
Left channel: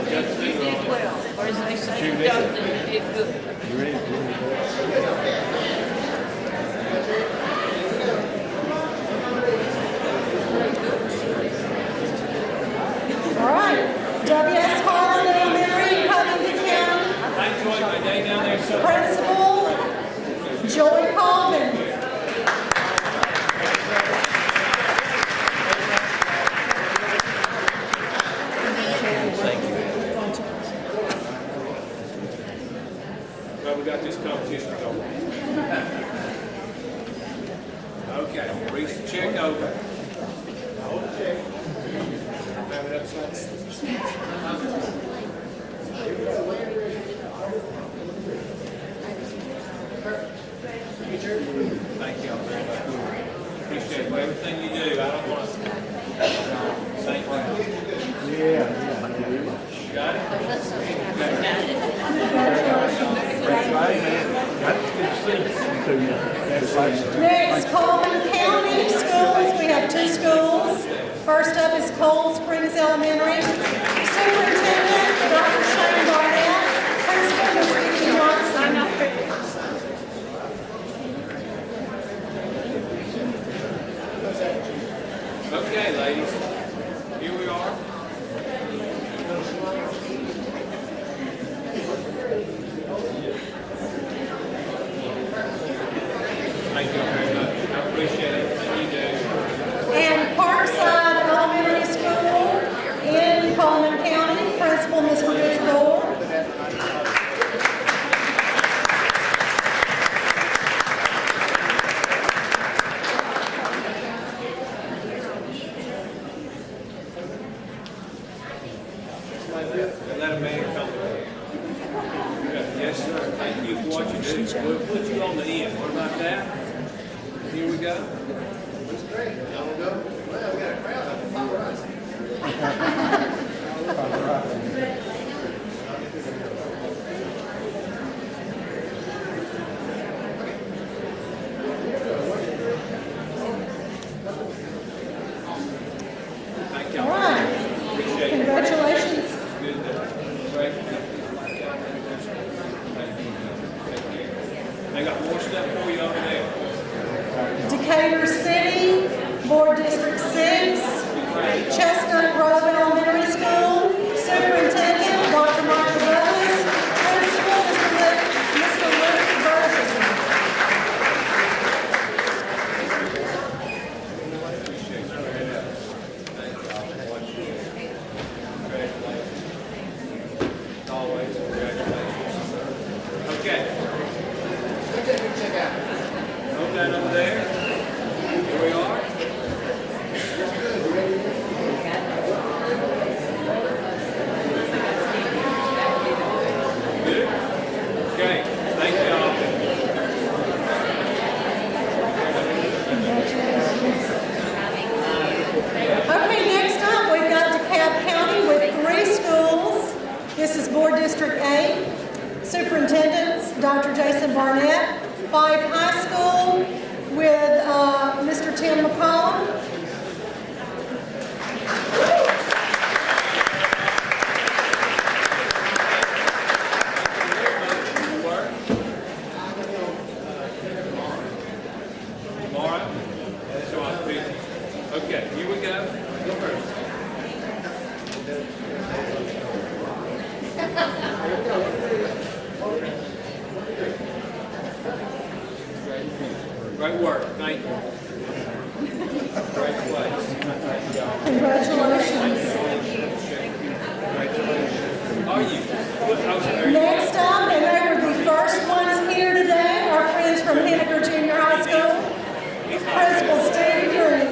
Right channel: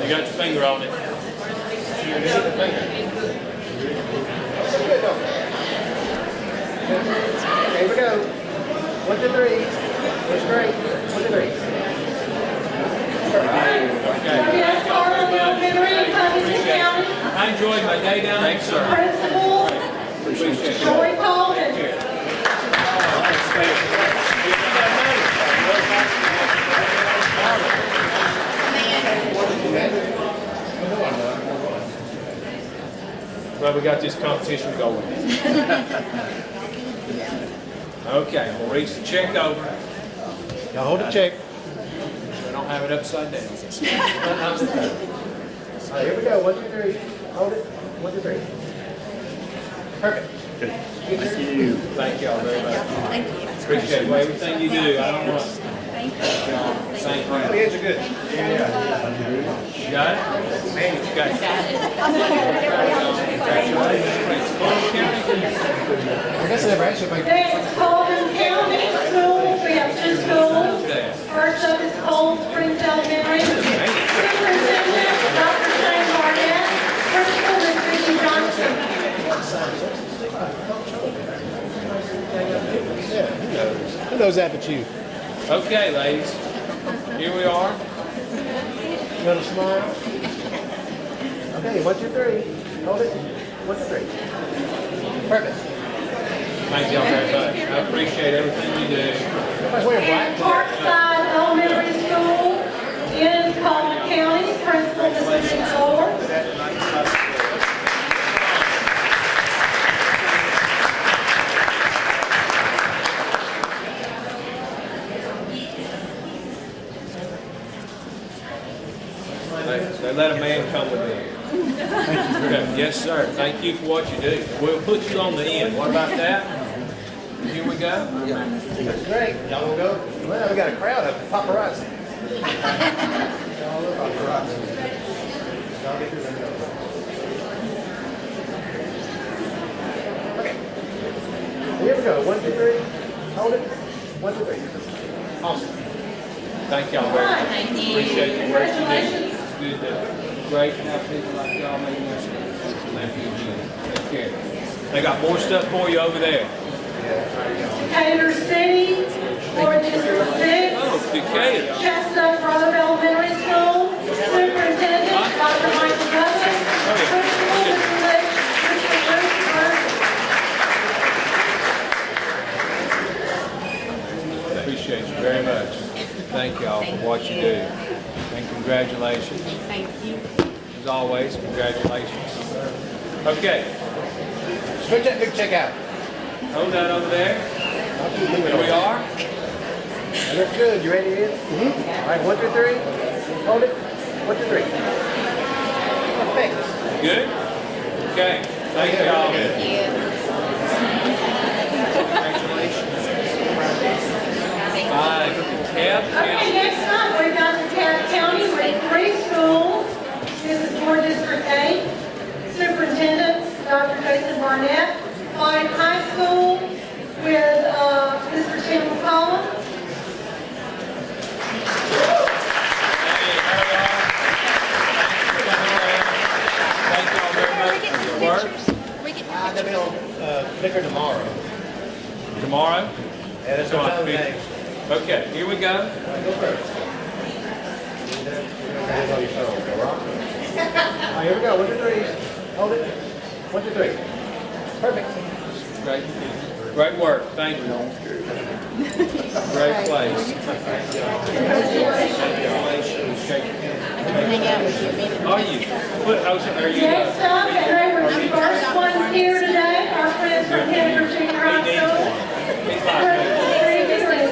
You got your finger on it. Here we go. 1, 2, 3. That's great. 1, 2, 3. Yes, Carl Elementary, Covington County, I enjoyed my day down there, sir. Principal Joy Alden. Well, we got this competition going. Okay, I'm gonna reach the check over. Now hold the check. I don't have it upside down. Here we go. 1, 2, 3. Hold it. 1, 2, 3. Perfect. Thank y'all very much. Appreciate everything you do. I don't want. Thank you. Kids are good. Got it? Okay. Next, Coleman County Schools, we have 2 schools. First up is Cold Springs Elementary. Superintendent, Dr. Shane Barnett. Principal is Vicky Johnson. Who knows that but you? Okay, ladies. Here we are. Little smile. Okay, 1, 2, 3. Hold it. 1, 2, 3. Perfect. Thank y'all very much. I appreciate everything you do. And Parkside Elementary School in Coleman County. Principal is Richard Dole. They let a man come with them. Yes, sir. Thank you for what you do. We'll put you on the end. What about that? Here we go. That's great. Y'all will go? Well, we got a crowd of paparazzi. Okay. Here we go. 1, 2, 3. Hold it. 1, 2, 3. Awesome. Thank y'all very much. Appreciate it. Congratulations. Good. Great to have people like y'all making this. Thank you. Take care. They got more stuff for you over there. Decatur City, Board District 6, Okay. Chestnut Grove Elementary School, Superintendent Dr. Ryan Rose, Principal Mr. Larry Burns. Appreciate you very much. Thank y'all for what you do. And congratulations. Thank you. As always, congratulations. Okay. Switch that big check out. Hold that over there. Here we are. That's good. You ready yet? All right, 1, 2, 3. Hold it. 1, 2, 3. Thanks. Good? Okay. Thank y'all. Thank you. Yeah. Okay, next up, we've got DeKalb County with 3 schools. This is Board District 8, Superintendent Dr. Jason Barnett, 5 high school with Mr. Tim McCollum. Thank y'all very much for your work. I'm going to be on Picker tomorrow. Tomorrow? Yeah, that's So what I I'm think- saying. Okay, here we go. Go first. Hands on your phone. All right, here we go. 1, 2, 3. Hold it. 1, 2, 3. Perfect. Great work. Thank you. Great place. Are you? What else are you? Next up, and the first ones here today are friends from Henry Junior High School. Principal Steve Green.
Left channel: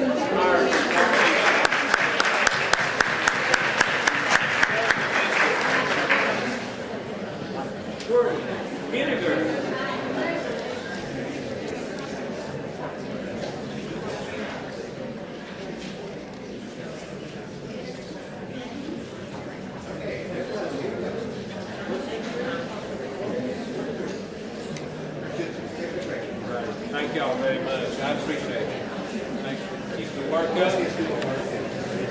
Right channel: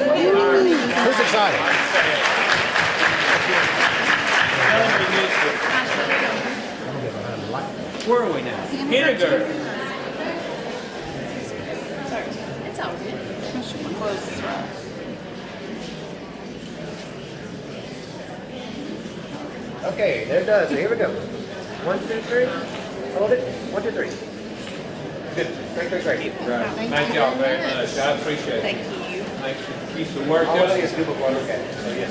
Where are we now? Kindergarten. It's all right. Okay, there it does. Here we go. 1, 2, 3. Hold it. 1, 2, 3. Good. Great. Right. Thank y'all very much. I appreciate it. Thank you. Keep the work I want to up. see a scoop before I look at it.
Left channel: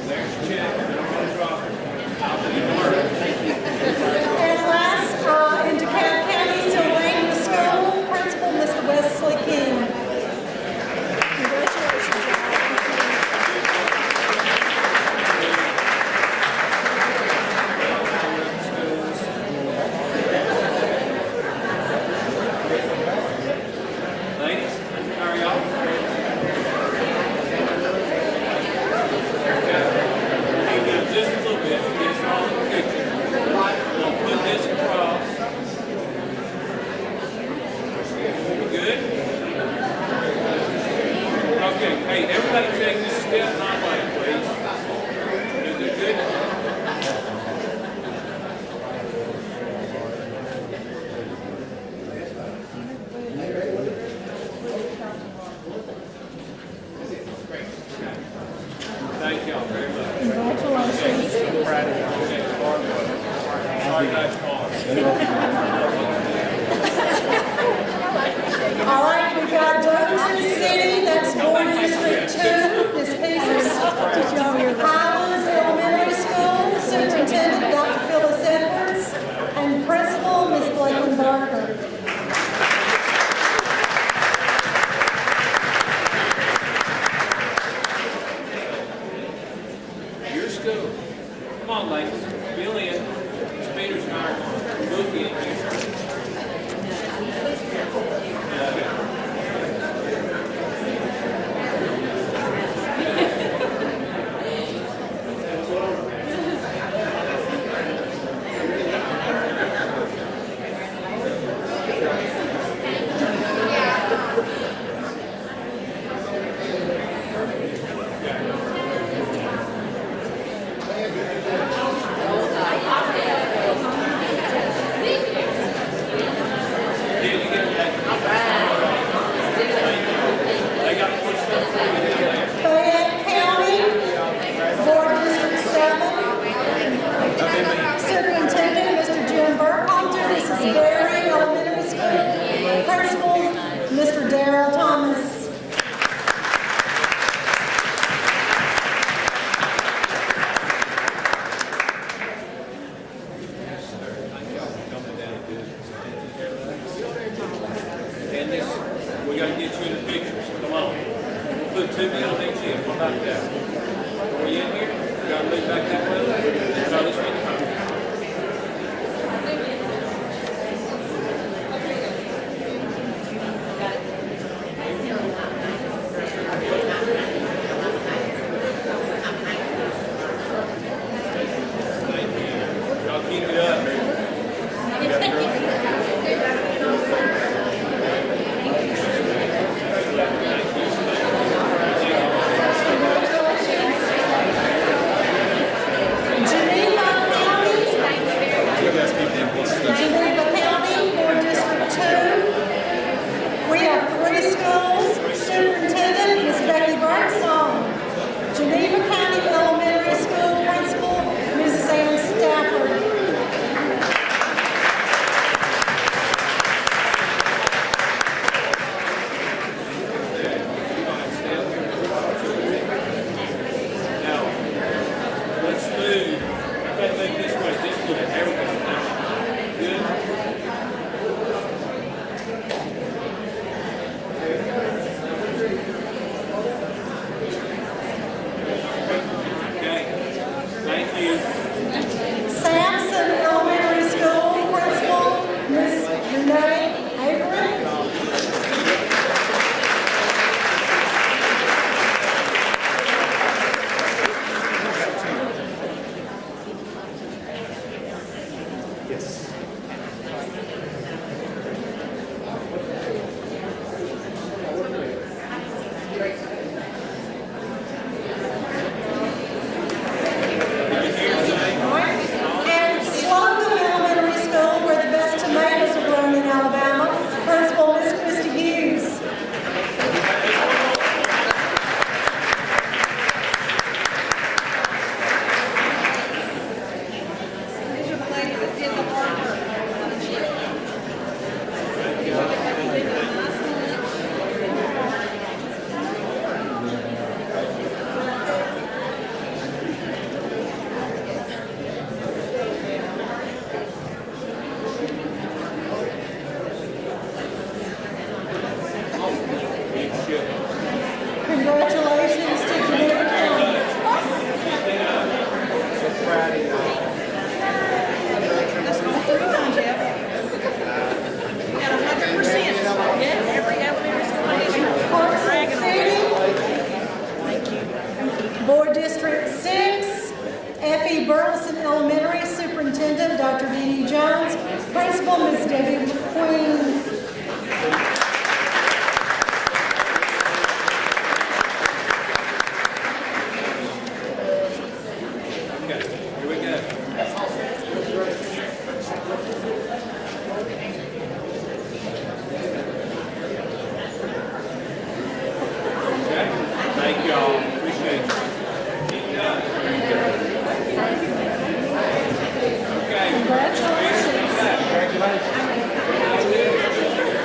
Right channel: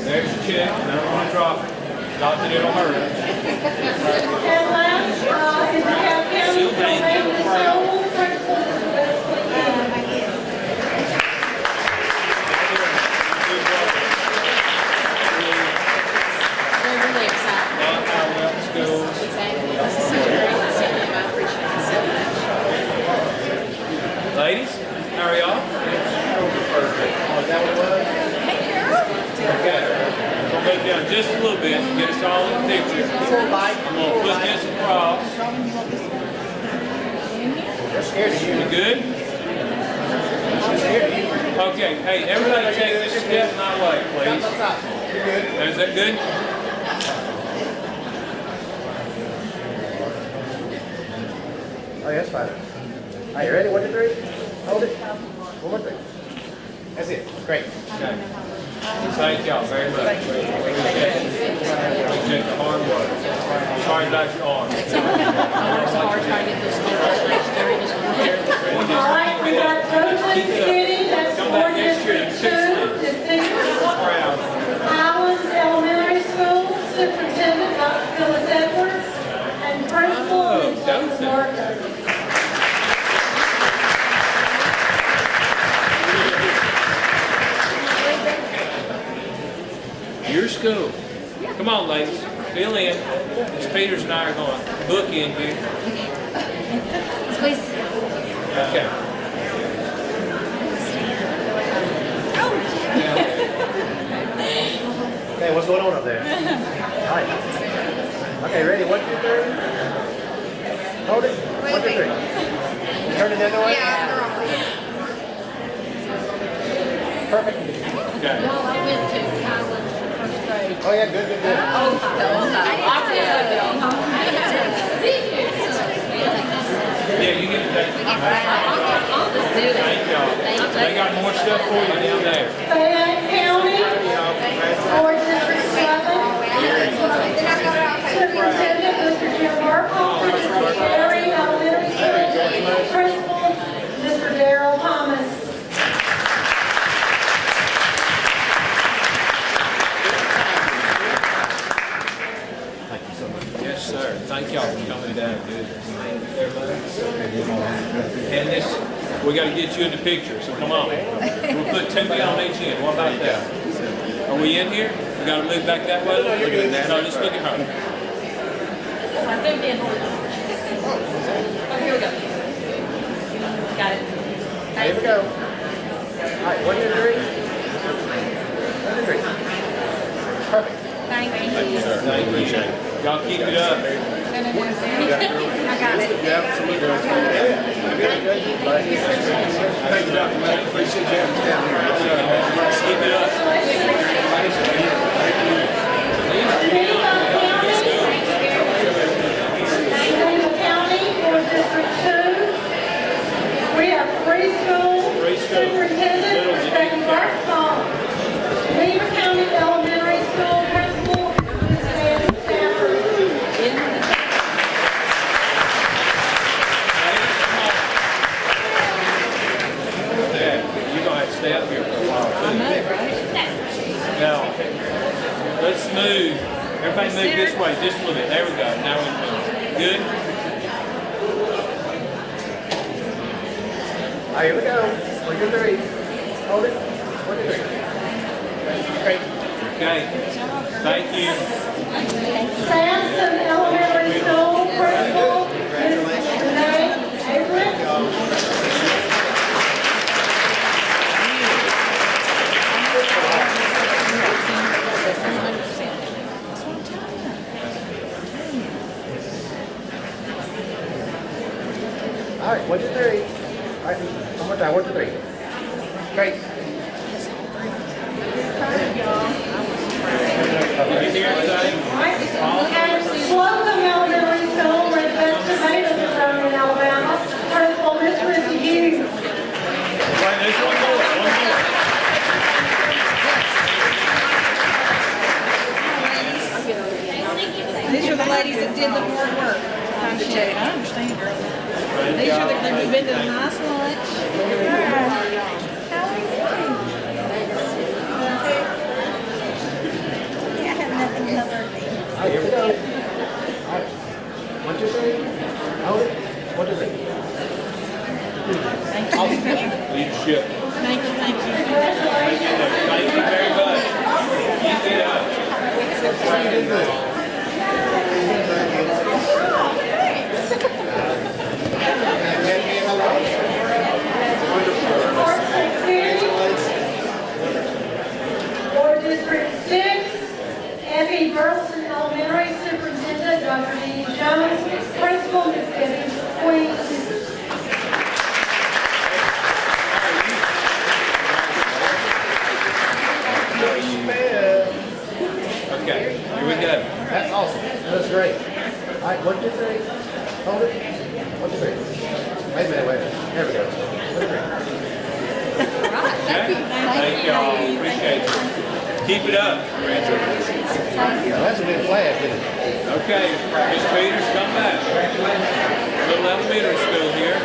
There's your check. I don't want to drop it. Not that it'll hurt. And last, in DeKalb County, Sylvania School, Principal Mr. Wesley King. Ladies, how are y'all? We'll move down just a little bit, get us all in the picture. We'll put this across. We good? Okay, hey, everybody take this step my way, please. Is that good? Oh, yeah, that's fine. Are you ready? 1, 2, 3. Hold it. 1 more thing. That's it. Great. Okay. Thank y'all very much. Appreciate the hard work. Hard, nice arm. All right, we got Douglas City, that's Board District 2. This is Highlands Elementary School, Superintendent Dr. Phyllis Edwards, and Principal Ms. Glenn Barker. Your school. Come on, ladies. Fill in. Miss Peters and I are going. Book in, dude. Please. Okay. Okay, what's going on up there? All right. Okay, ready? 1, 2, 3. Hold it. 1, 2, 3. Turn it down the way. Perfect. Okay. Oh, yeah, good. Yeah, you get to take it. Thank y'all. They got more stuff for you to do there. Fayette County, Board District 7. Superintendent Mr. Jim Burkhalter, Mrs. Gary, Elementary School, Principal Mr. Darrell Thomas. done good. And this, we gotta get you in the picture, so come on. We'll put two on each end, what about that? Are we in here? We gotta move back that way? No, let's look at her. I think in. Oh, here we go. Got it. Here we go. All right, 1, 2, 3. Perfect. Thank you. Thank you. Y'all keep it up. I got it. Keep it up. Greenville County, Board District 2. We have 3 schools. Superintendent is Betty Barksdale. Geneva County Elementary School Principal, Mrs. Ann Stafford. There, you're gonna have to stay up here. Now, let's move. Everybody move this way, just a little bit. There we go. Now we're good. Good? All right, here we go. 1, 2, 3. Hold it. 1, 2, 3. Okay. Thank you. Sampson Elementary School Principal, Mrs. Renee Avery. All right, 1, 2, 3. All right, one more time. 1, 2, 3. Great. Did you hear anything? And Swanton Elementary School, where the best tomatoes are from Alabama, Principal, Ms. Christie Hughes. Wait, there's one more. These are the ladies that did the hard work. I understand. I understand, girl. These are the ones who've been to a nice lunch. All right, here we go. All right. 1, 2, 3. Hold it. 1, 2, 3. Eat shit. Thank you, thank you. Thank you very much. Keep it up. Board District 6, Effie Burleson Elementary Superintendent, Dr. Dee Jones, Principal, Ms. Debbie Queen. Okay, here we go. That's awesome. That's great. All right, 1, 2, 3. Hold it. 1, 2, 3. Wait a minute, wait. There we go. Okay. Thank y'all. Appreciate it. Keep it up. That's a good flag, isn't it? Okay, Ms. Peters, come back. Little elementary school here.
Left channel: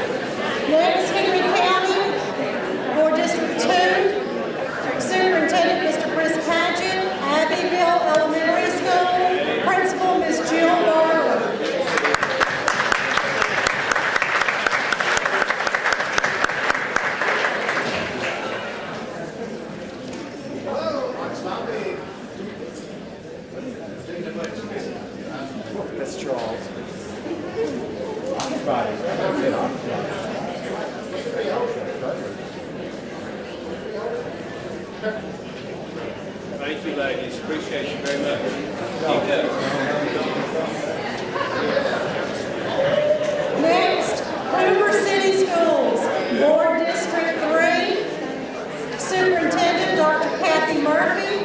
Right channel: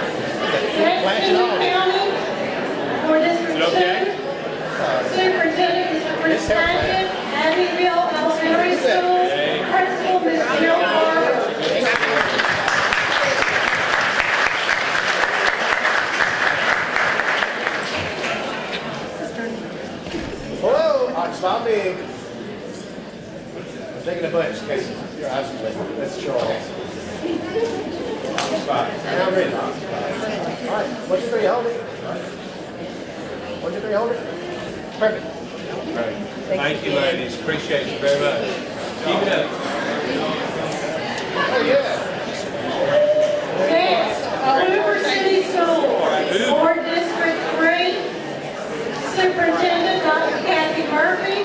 Next, Kennesaw County, Board District 2, Superintendent, Mr. Chris Paget, Abbeville Elementary School, Principal, Ms. Jill Barber. Whoa! All right, stop big. I'm taking a bunch. Okay, your eyes are red. That's Charles. Fine. Now I'm ready. All right, 1, 2, 3, hold it. 1, 2, 3, hold it. Perfect. Thank you, ladies. Appreciate you very much. Keep it up. Oh, yeah. Next, Hoover City Schools, Board District 3, Superintendent Dr. Kathy Murphy,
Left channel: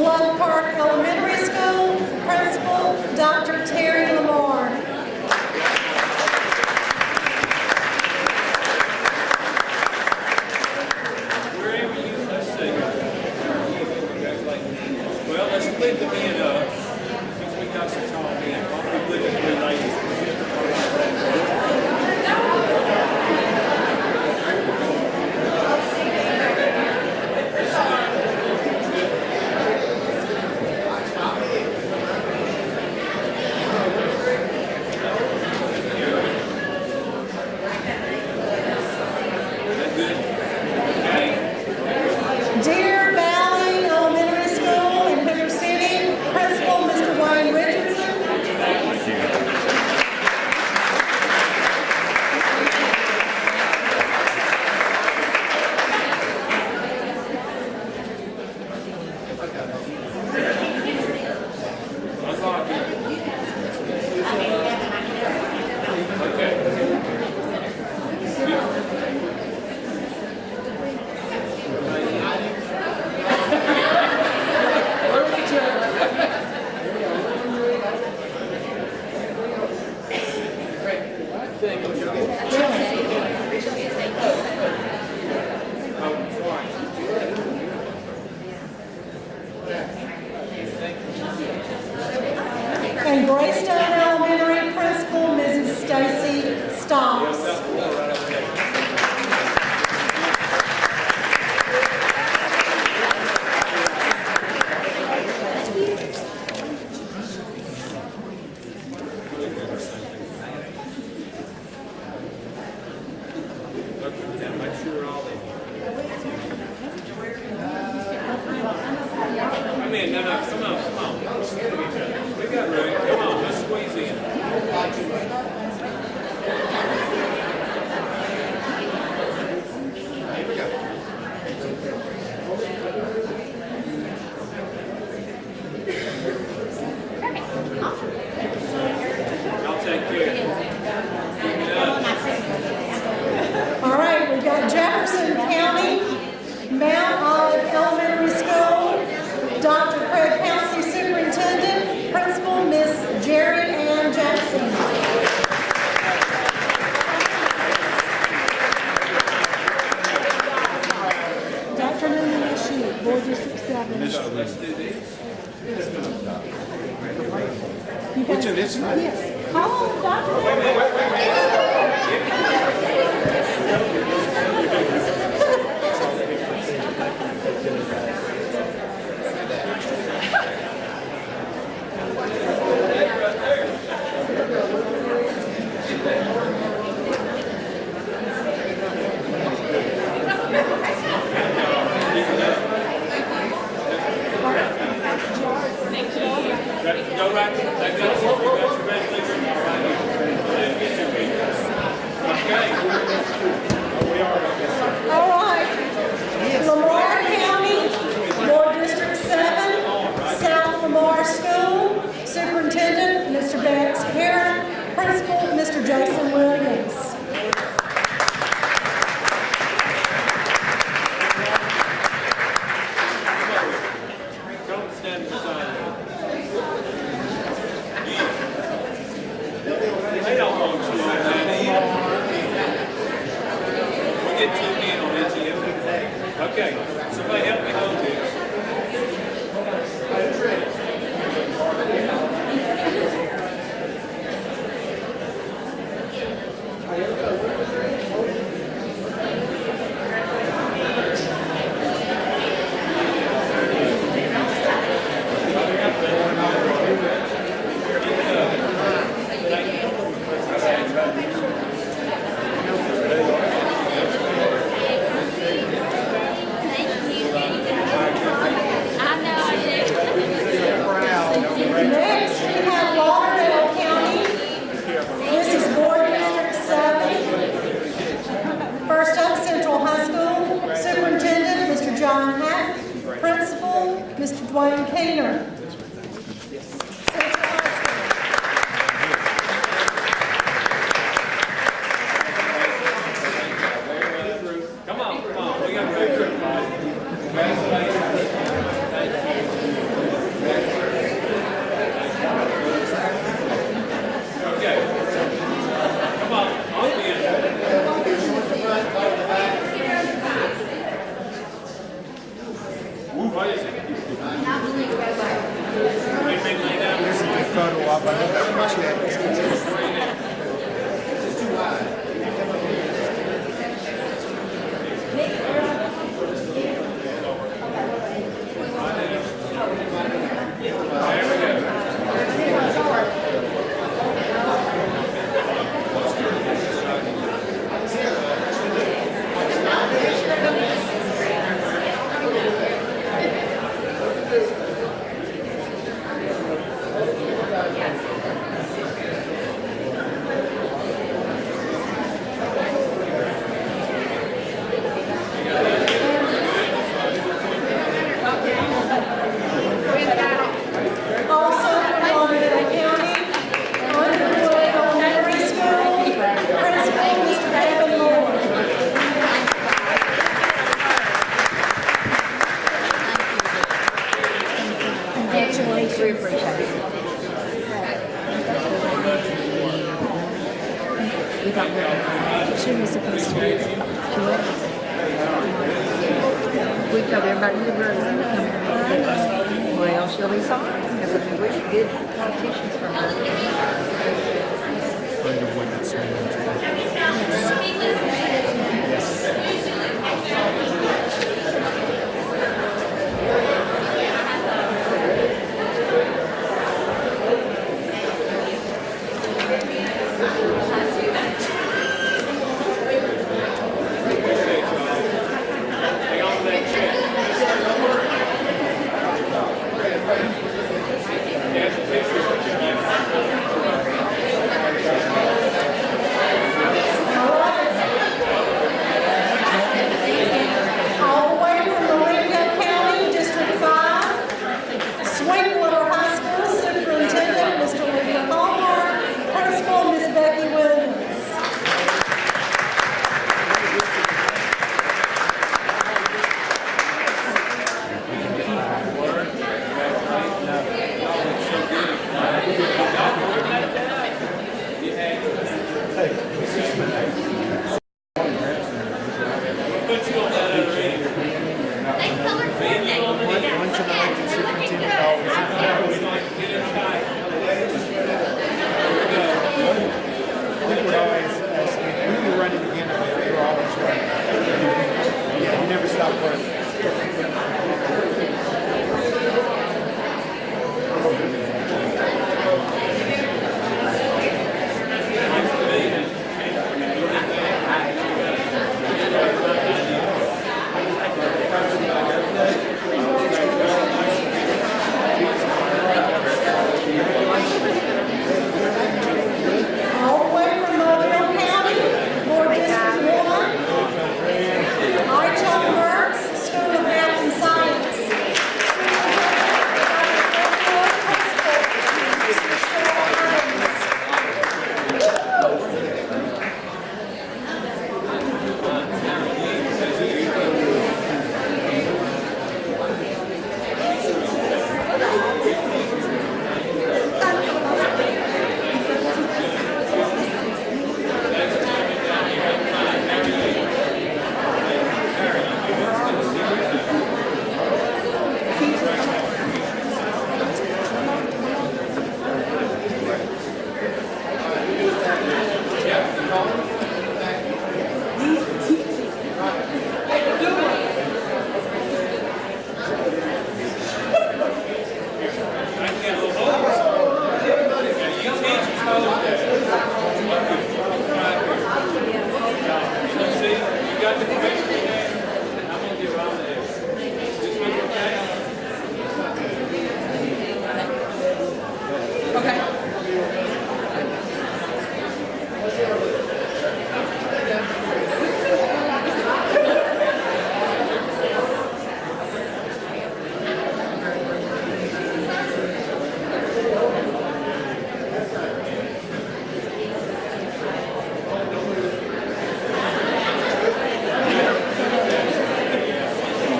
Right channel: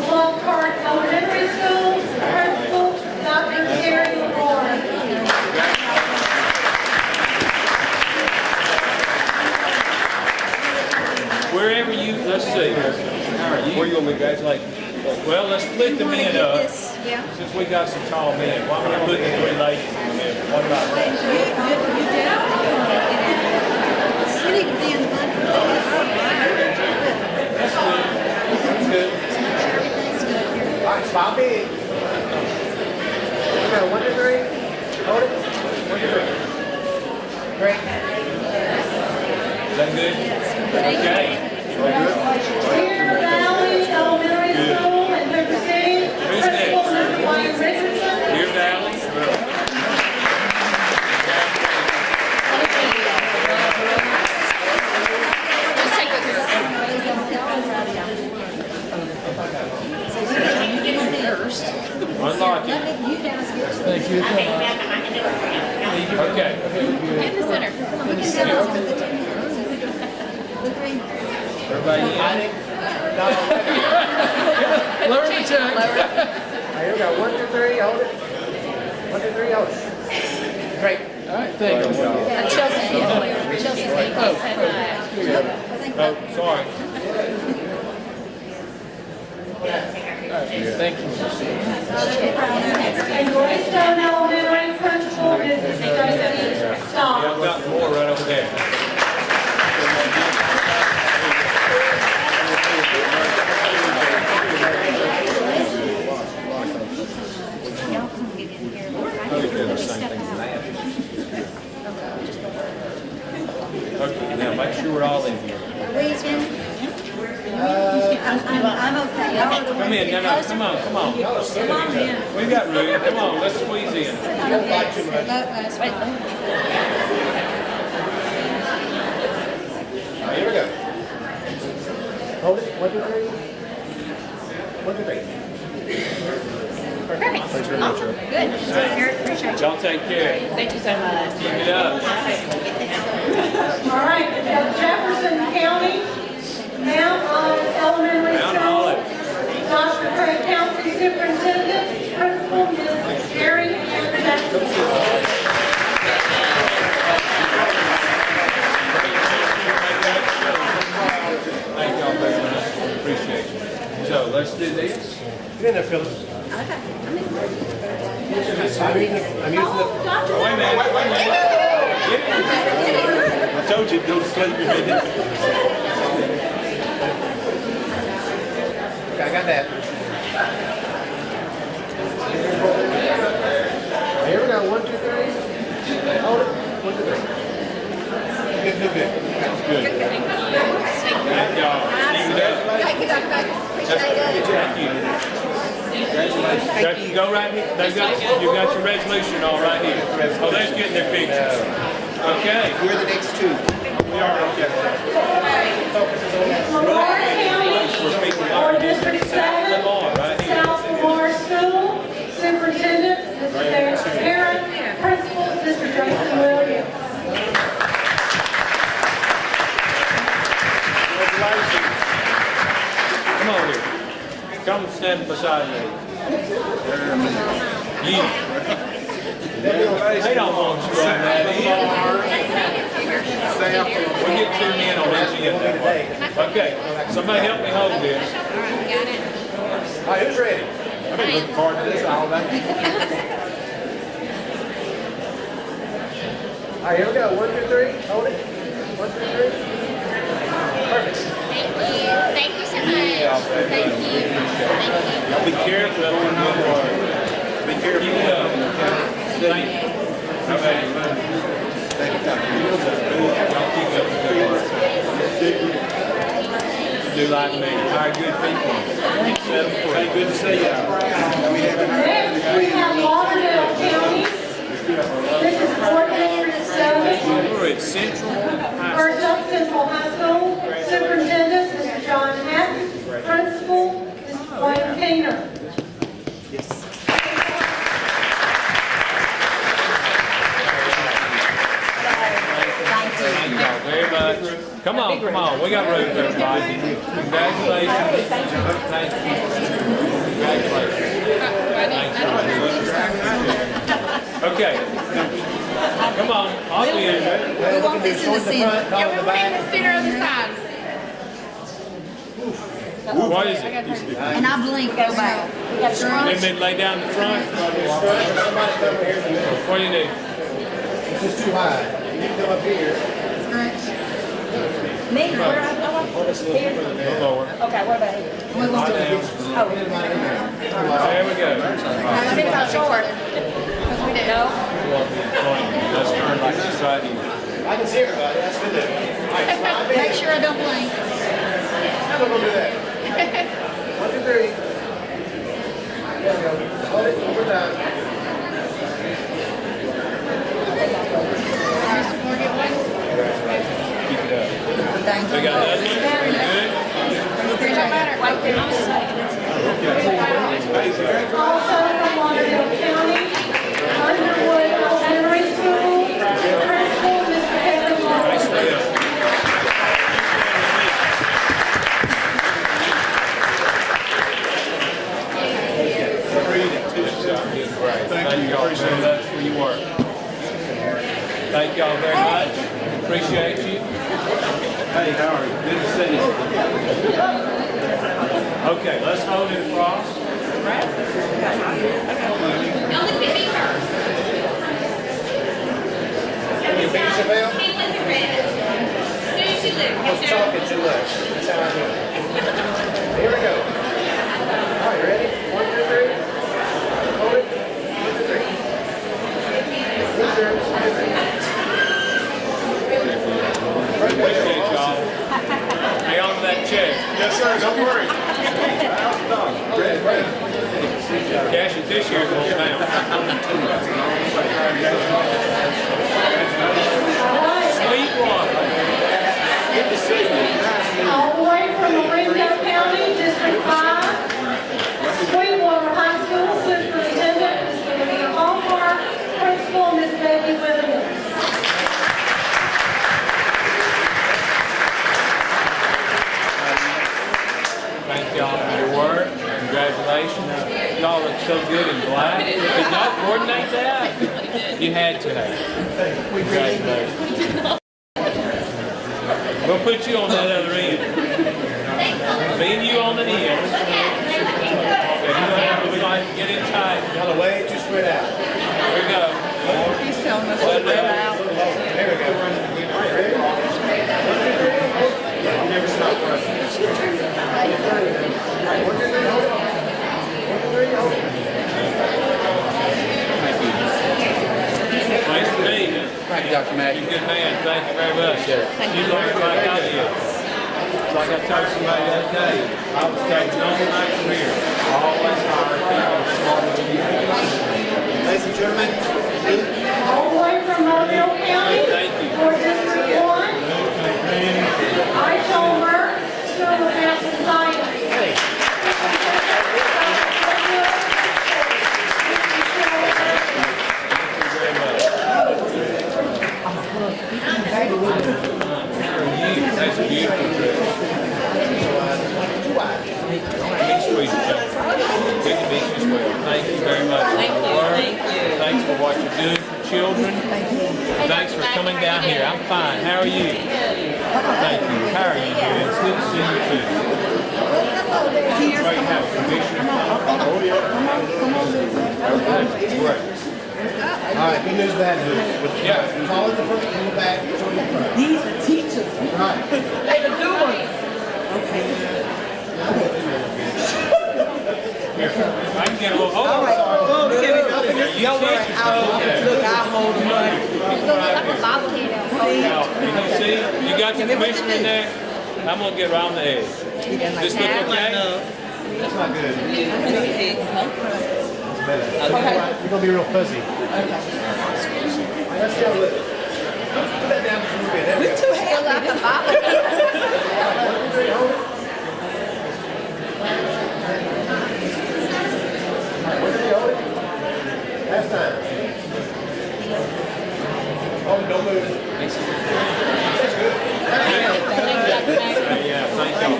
Love Park Elementary School, Principal Dr. Terry Lamar. Wherever you, let's see. How are you? Where you gonna be graduating? Well, let's put the men up. Since we got some tall men, why don't we put the 3 ladies in the middle? All right. All right, stop it. 1, 2, 3. Hold it. that good? Okay. Deer Valley Elementary School in Boone City, Principal Mr. Wayne Richardson. Here's that. Unlock it. Okay. Get the center. Everybody in? Here we go. 1, 2, 3, hold it. 1, 2, 3, hold it. Great. All right, thank you. Chelsea's name. Oh, sorry. Thank you. And Boystown Elementary Principal Mrs. Stacy Yeah, I've Stocks. got more right over there. Okay, now make sure we're all in here. I'm okay. Come in, no, come on. We got room, come on, let's squeeze in. Here we go. Hold it. 1, 2, 3. 1, 2, 3. Perfect. Awesome. Good. Appreciate it. Y'all take care. Thank you so much. Keep it up. All right, we've got Jefferson County, Mount Olive Elementary School, Dr. Craig County Superintendent, Principal Miss Jerry Ann Jackson. So let's do this. Get in there, Philip. Which of this? I'm using the. Don't you? Don't stand your business. Okay, I got that. Here we go. 1, 2, 3. Hold it. 1, 2, 3. Good, good, good. Go right here. You got your resolution all right here. Oh, let's get their pictures. Okay. Where are the dates to? We are, okay. All right. Lamar County, Board District 7, South Lamar School, Superintendent, Mr. Derek Herron, Principal, Mr. Jason Williams. Come on here. Come stand beside me. Yeah. They don't want you right now. We get 2 men on each end that way. Okay, somebody help me hold this. All right, who's ready? I'm looking forward to this all night. All right, here we go. 1, 2, 3. Hold it. 1, 2, 3. Perfect. Thank you so much. Thank you. Be careful. Be careful. Thank you. Do like me. Hey, good to see you. Next, we have Lauderdale County. This is Board District 7. We're at Central. First up, Central High School, Superintendent, Mr. John Hack, Principal, Mr. Dwayne Painter. Everybody, come on, we got room for everybody. Congratulations. Thank you. Okay. Come on, I'll be in. We want this in the center. Center on the side. What is it? And I blink, go back. They may lay down in front. What do you need? It's just too high. You can come up here. Me, where I want here. Lower. Okay, what about here? There we go. I think I'm short. No? Let's turn like this side. Make sure I don't blink. Thank y'all very much. Appreciate you. Hey, how are you? Good to see you. Okay, let's hold it, please. Appreciate y'all. Hang on to that check. Yes, sir. Don't worry. Cash it this year, but you're down. Sweet one. All the way from Louisville County, District 5, Sweetwater High School Superintendent, Mr. William Longmore, Principal, Ms. Becky Williams. Thank y'all for your work. Congratulations. Y'all look so good and black. Did y'all coordinate that? You had to. Congratulations. We'll put you on that other end. Me and you on the end. We like to get in tight. By the way, just spread out. Here we go. Spread out. We're running again. You never stop running. Thanks for being here. Thank you, Dr. Mack. You good man. Thank you very much. You learned right out of you. Like I told somebody the other day, I was taking no nice career. Always hard. Ladies and gentlemen, All the way from Louisville County, for District 1, Archibald Works, School of Math and Science. That's a beautiful. Thank you very much. Thanks for what you do for children. Thanks for coming down here. I'm fine. How are you? Thank you. How are you? It's good to see you too. Great to have Commissioner. all right, good news, bad news. Yeah. Call it the front, in the back, it's on the front. These are teachers. Right. They can do it. I can get a little hold. You teachers know that. See, you got the commissioner in there? I'm gonna get around the edge. This look okay? That's not good. Okay. You're gonna be real fuzzy. We too held like a bottle. Last time. Oh, don't move. Yeah, thank you.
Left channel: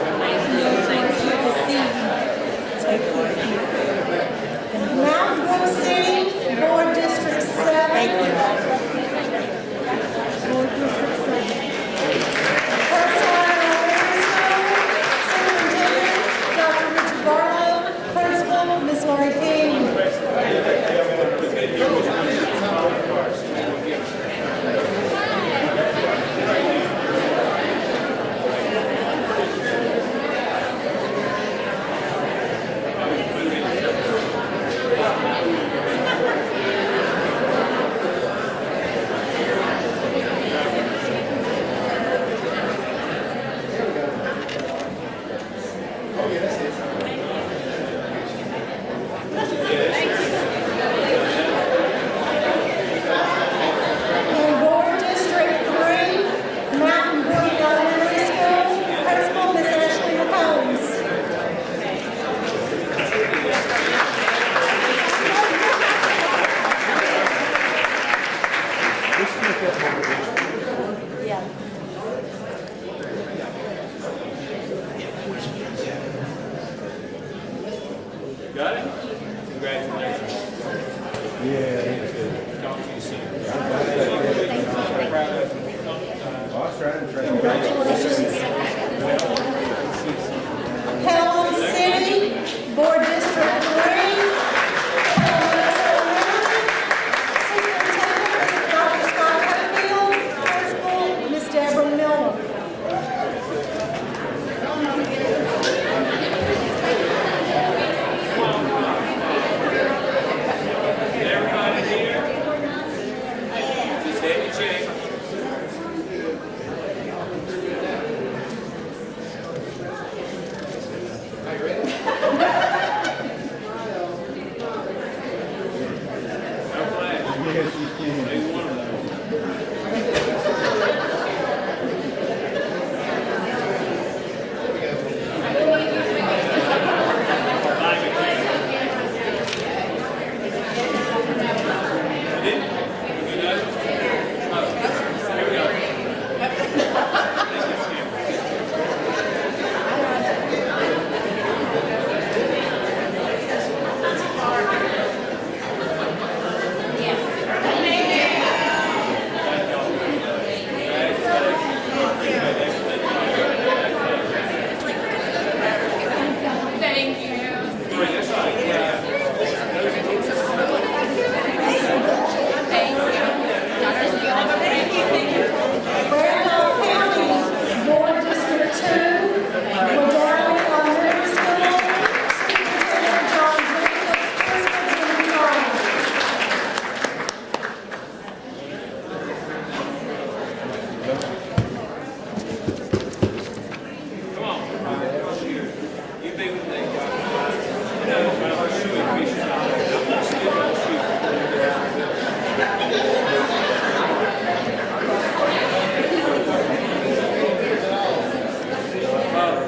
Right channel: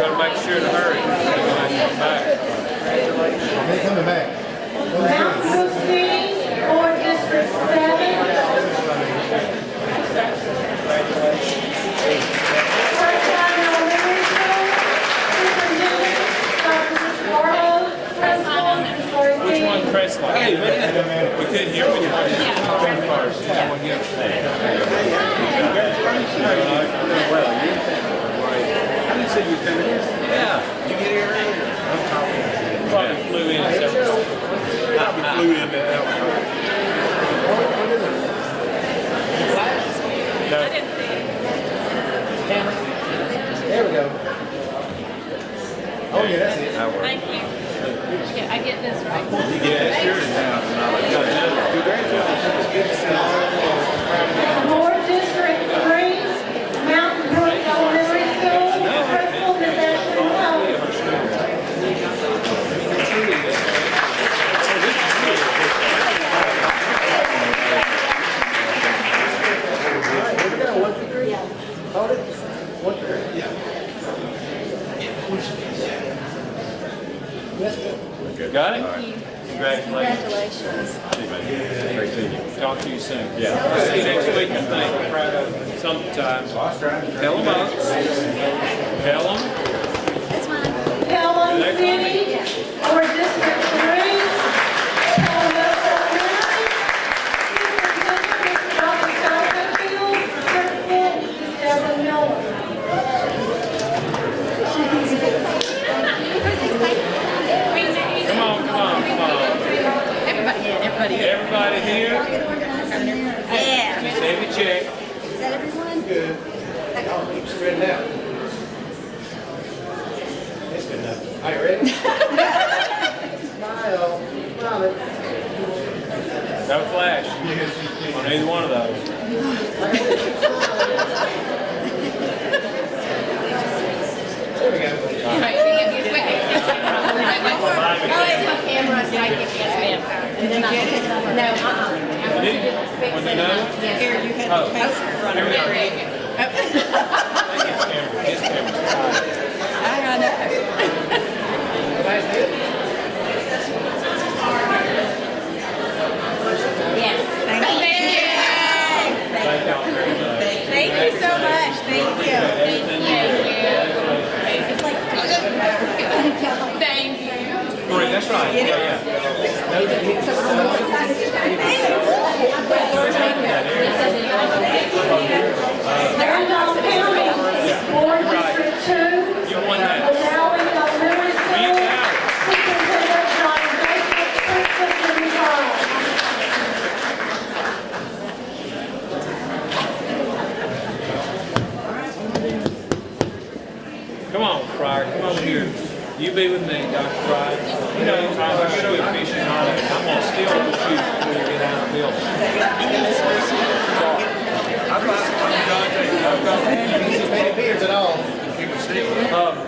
Gotta make sure to hurry. They're coming back. Mount Lucy, Board District 7. Principal, Ms. Lori King. Hey, man. Talk to you soon. Yeah. See you next week. We're proud of you. Sometime. Tell them about Tell them. Pelham City, Board District 3. Ms. Deborah Miller. Come on. Everybody here? Just let me check. Is that everyone? Are you ready? Got a flash on either one of those. When they know? Oh, here we are. It's camera. It's camera. Thank y'all very much. Thank you so much. Thank you. Great, that's right. Yeah. Randolph County, Board District 2. Down on Rivers Road. Superintendent John Baker, Principal Jim Charles. Come on, Fryer, come over here. You be with me, Dr. Fryer. You know, if I show you fishing on it, I'm gonna steal those shoes before you get out of the building.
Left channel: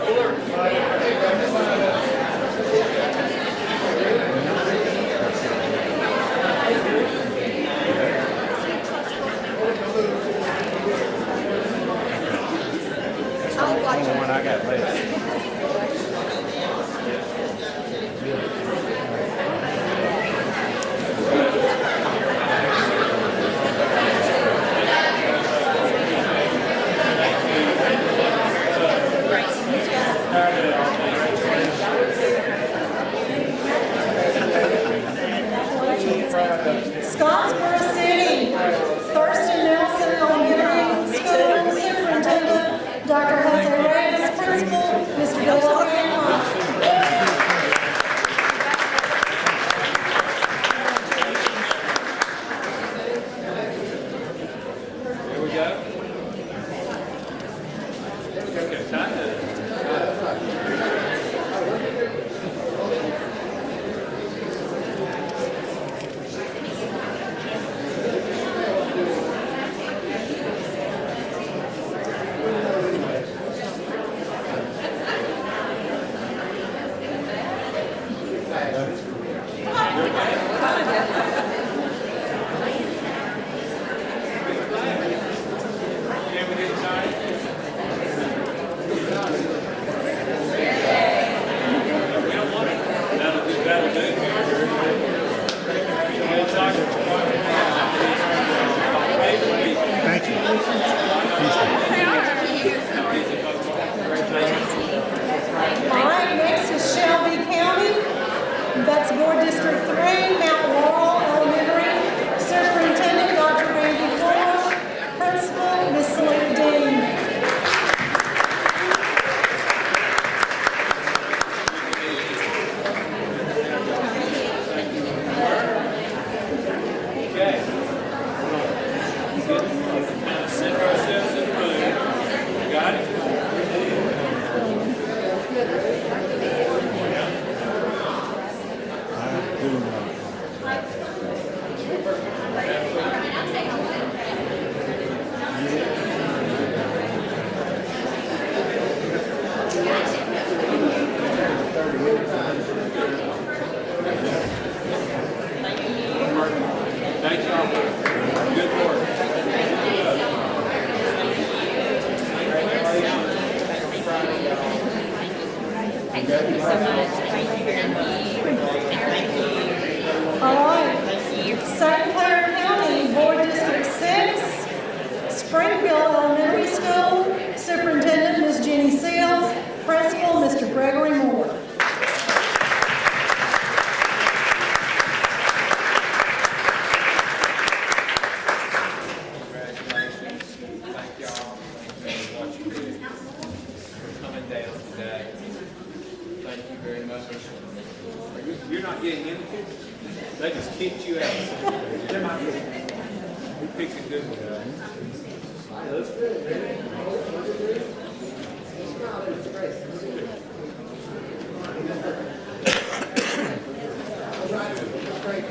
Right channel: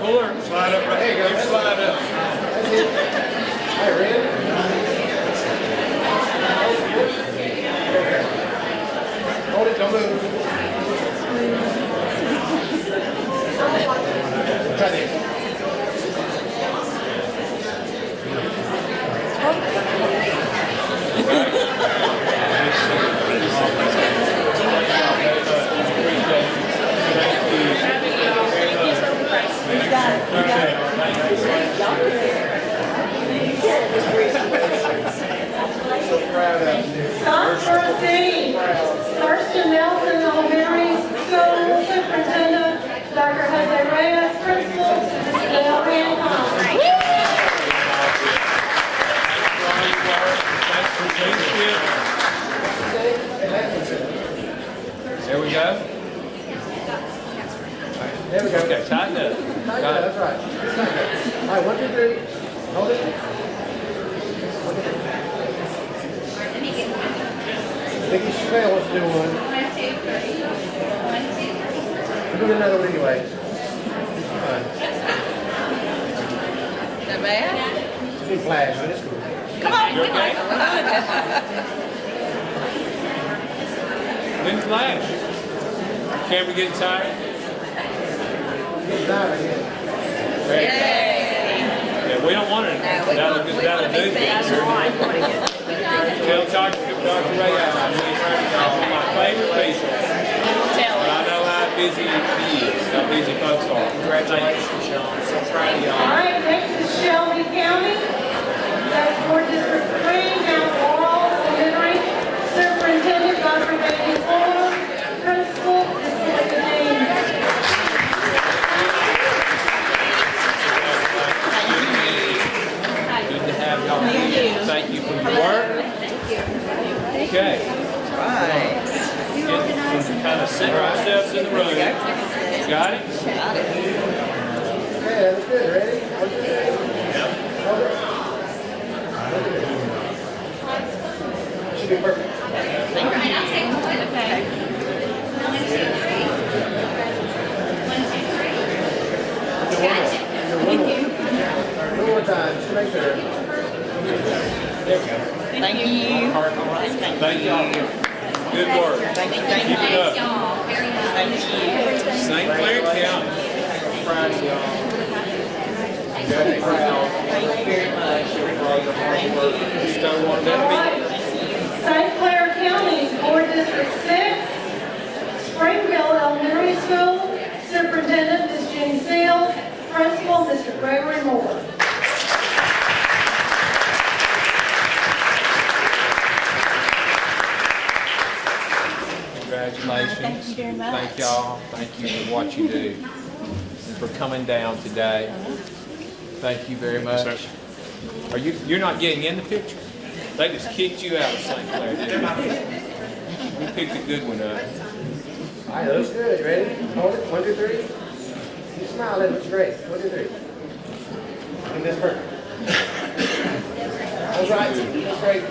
Cooler, slide up right here, go slide up. Scottsboro City, First and Nelson Elementary School Superintendent, Dr. Jose Reyes, Principal, Ms. Gloria Hunt. There we go. There we go. Okay, tighten it. That's right. All right, 1, 2, 3. Hold it. I think you should wants to do one. Do another one anyway. That bad? See flash, it's cool. Big flash. Camera getting tired? Yeah, we don't want it. That'll do. Tell Dr. Ray my favorite patient. I know how busy folks are. Congratulations, Michelle. I'm so proud of you. All right, next is Shelby County, that's Board District 3, Mount Laurel Elementary, Superintendent Dr. Randy Ford, Principal, Ms. Smith Dean. Good to have y'all. Thank you for the work. Okay. Kind of center ourselves in the room. Got it? Thank y'all for good work. Keep it up. St. Clair County. Proud of y'all. You got it? Thank you very much. very much. Thank y'all. Thank you for what you do and for coming down today. Thank you very much. You're not getting in the picture? They just kicked you out of St. Clair, didn't they? We picked a good one up. All right, looks good. Ready? Hold it. 1, 2, 3. You smile. That looks great. 1, 2, 3. And this perfect. All right. Looks great.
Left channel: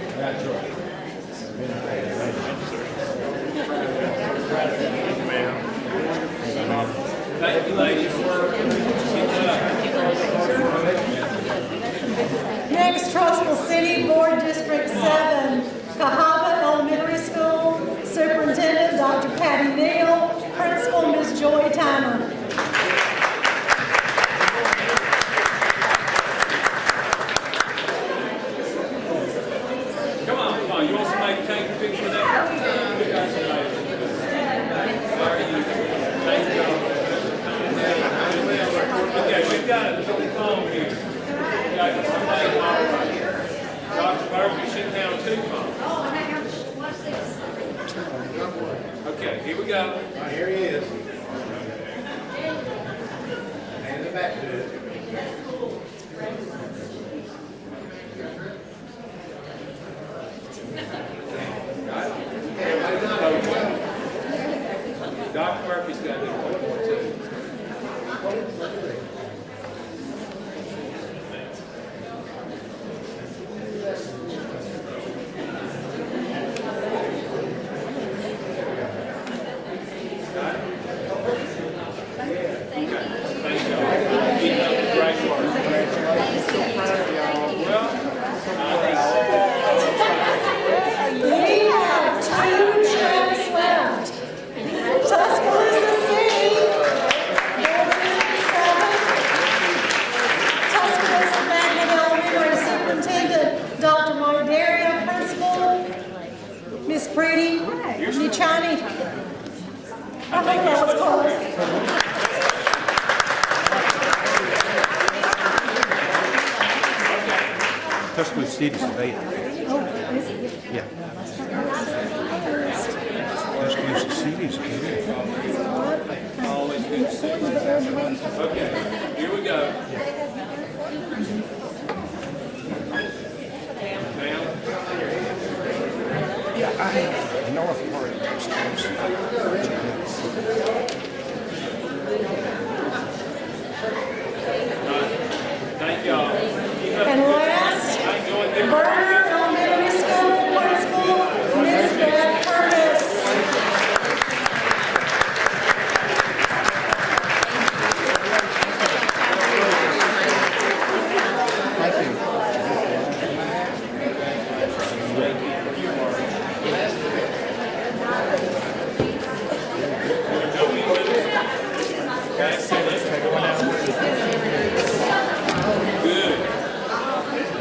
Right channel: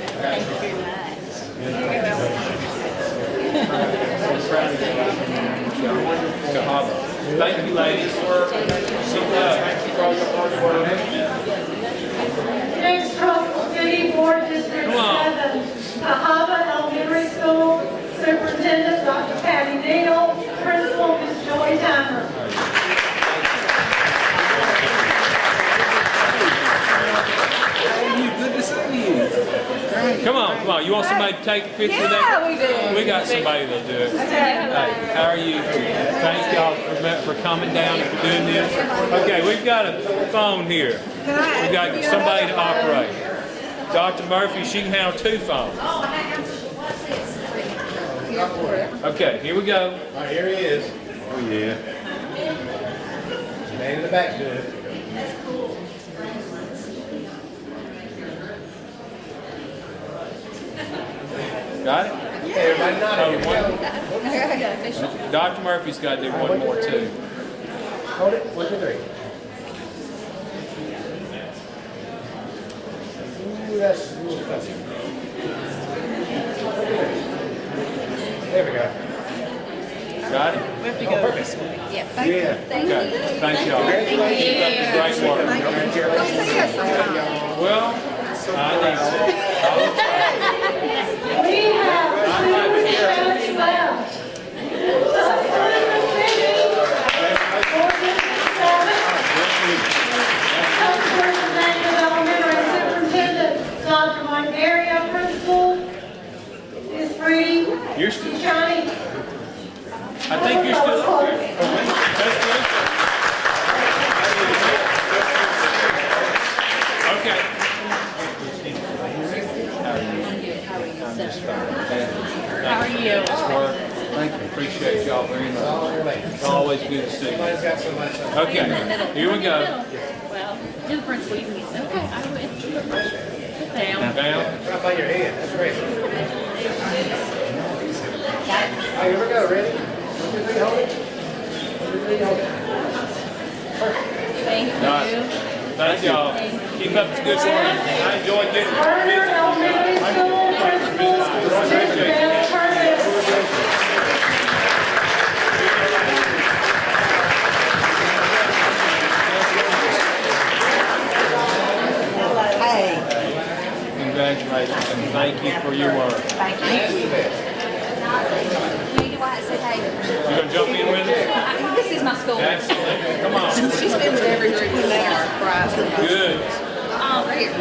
Thank you, ladies. Next, Coastal City Board District 7, Cahaba Elementary School, Superintendent Dr. Kathy Neal, Principal Ms. Joy Timer. Good to see you. Come on. You want somebody to take a picture of that? We got somebody to do it. How are you? Thank y'all for coming down and doing this. Okay, we've got a phone here. We got somebody to operate. Dr. Murphy, she can have 2 phones. Okay, here we go. All right, here he is. Oh, yeah. Man in the back, good. Got it? Yeah, everybody nodded. Dr. Murphy's got to do one more too. Hold it. 1, 2, 3. Ooh, that's there we go. Got it? Yeah, thank you. Thank you. Okay. Thank y'all. Great work. Well, We have 2 shows left. Tuscaloosa City, Board District 7. Tuscaloosa Superintendent Dr. Margaria, Principal Ms. Bree Luciani. I think you're still here. Okay. Appreciate y'all very much. Always good to see you. Okay, here we go. Down. Right by your head. That's great. All right, here we go. Ready? 1, 2, 3, hold it. 1, 2, 3, hold it. Thank y'all. Keep up the good work. I enjoyed getting Burner Elementary School Principal Ms. Grant Curtis. Congratulations and thank you for your work. You want to jump in with us? This is my school. Okay, come on. She's been with every group today on Friday. Good. Right here.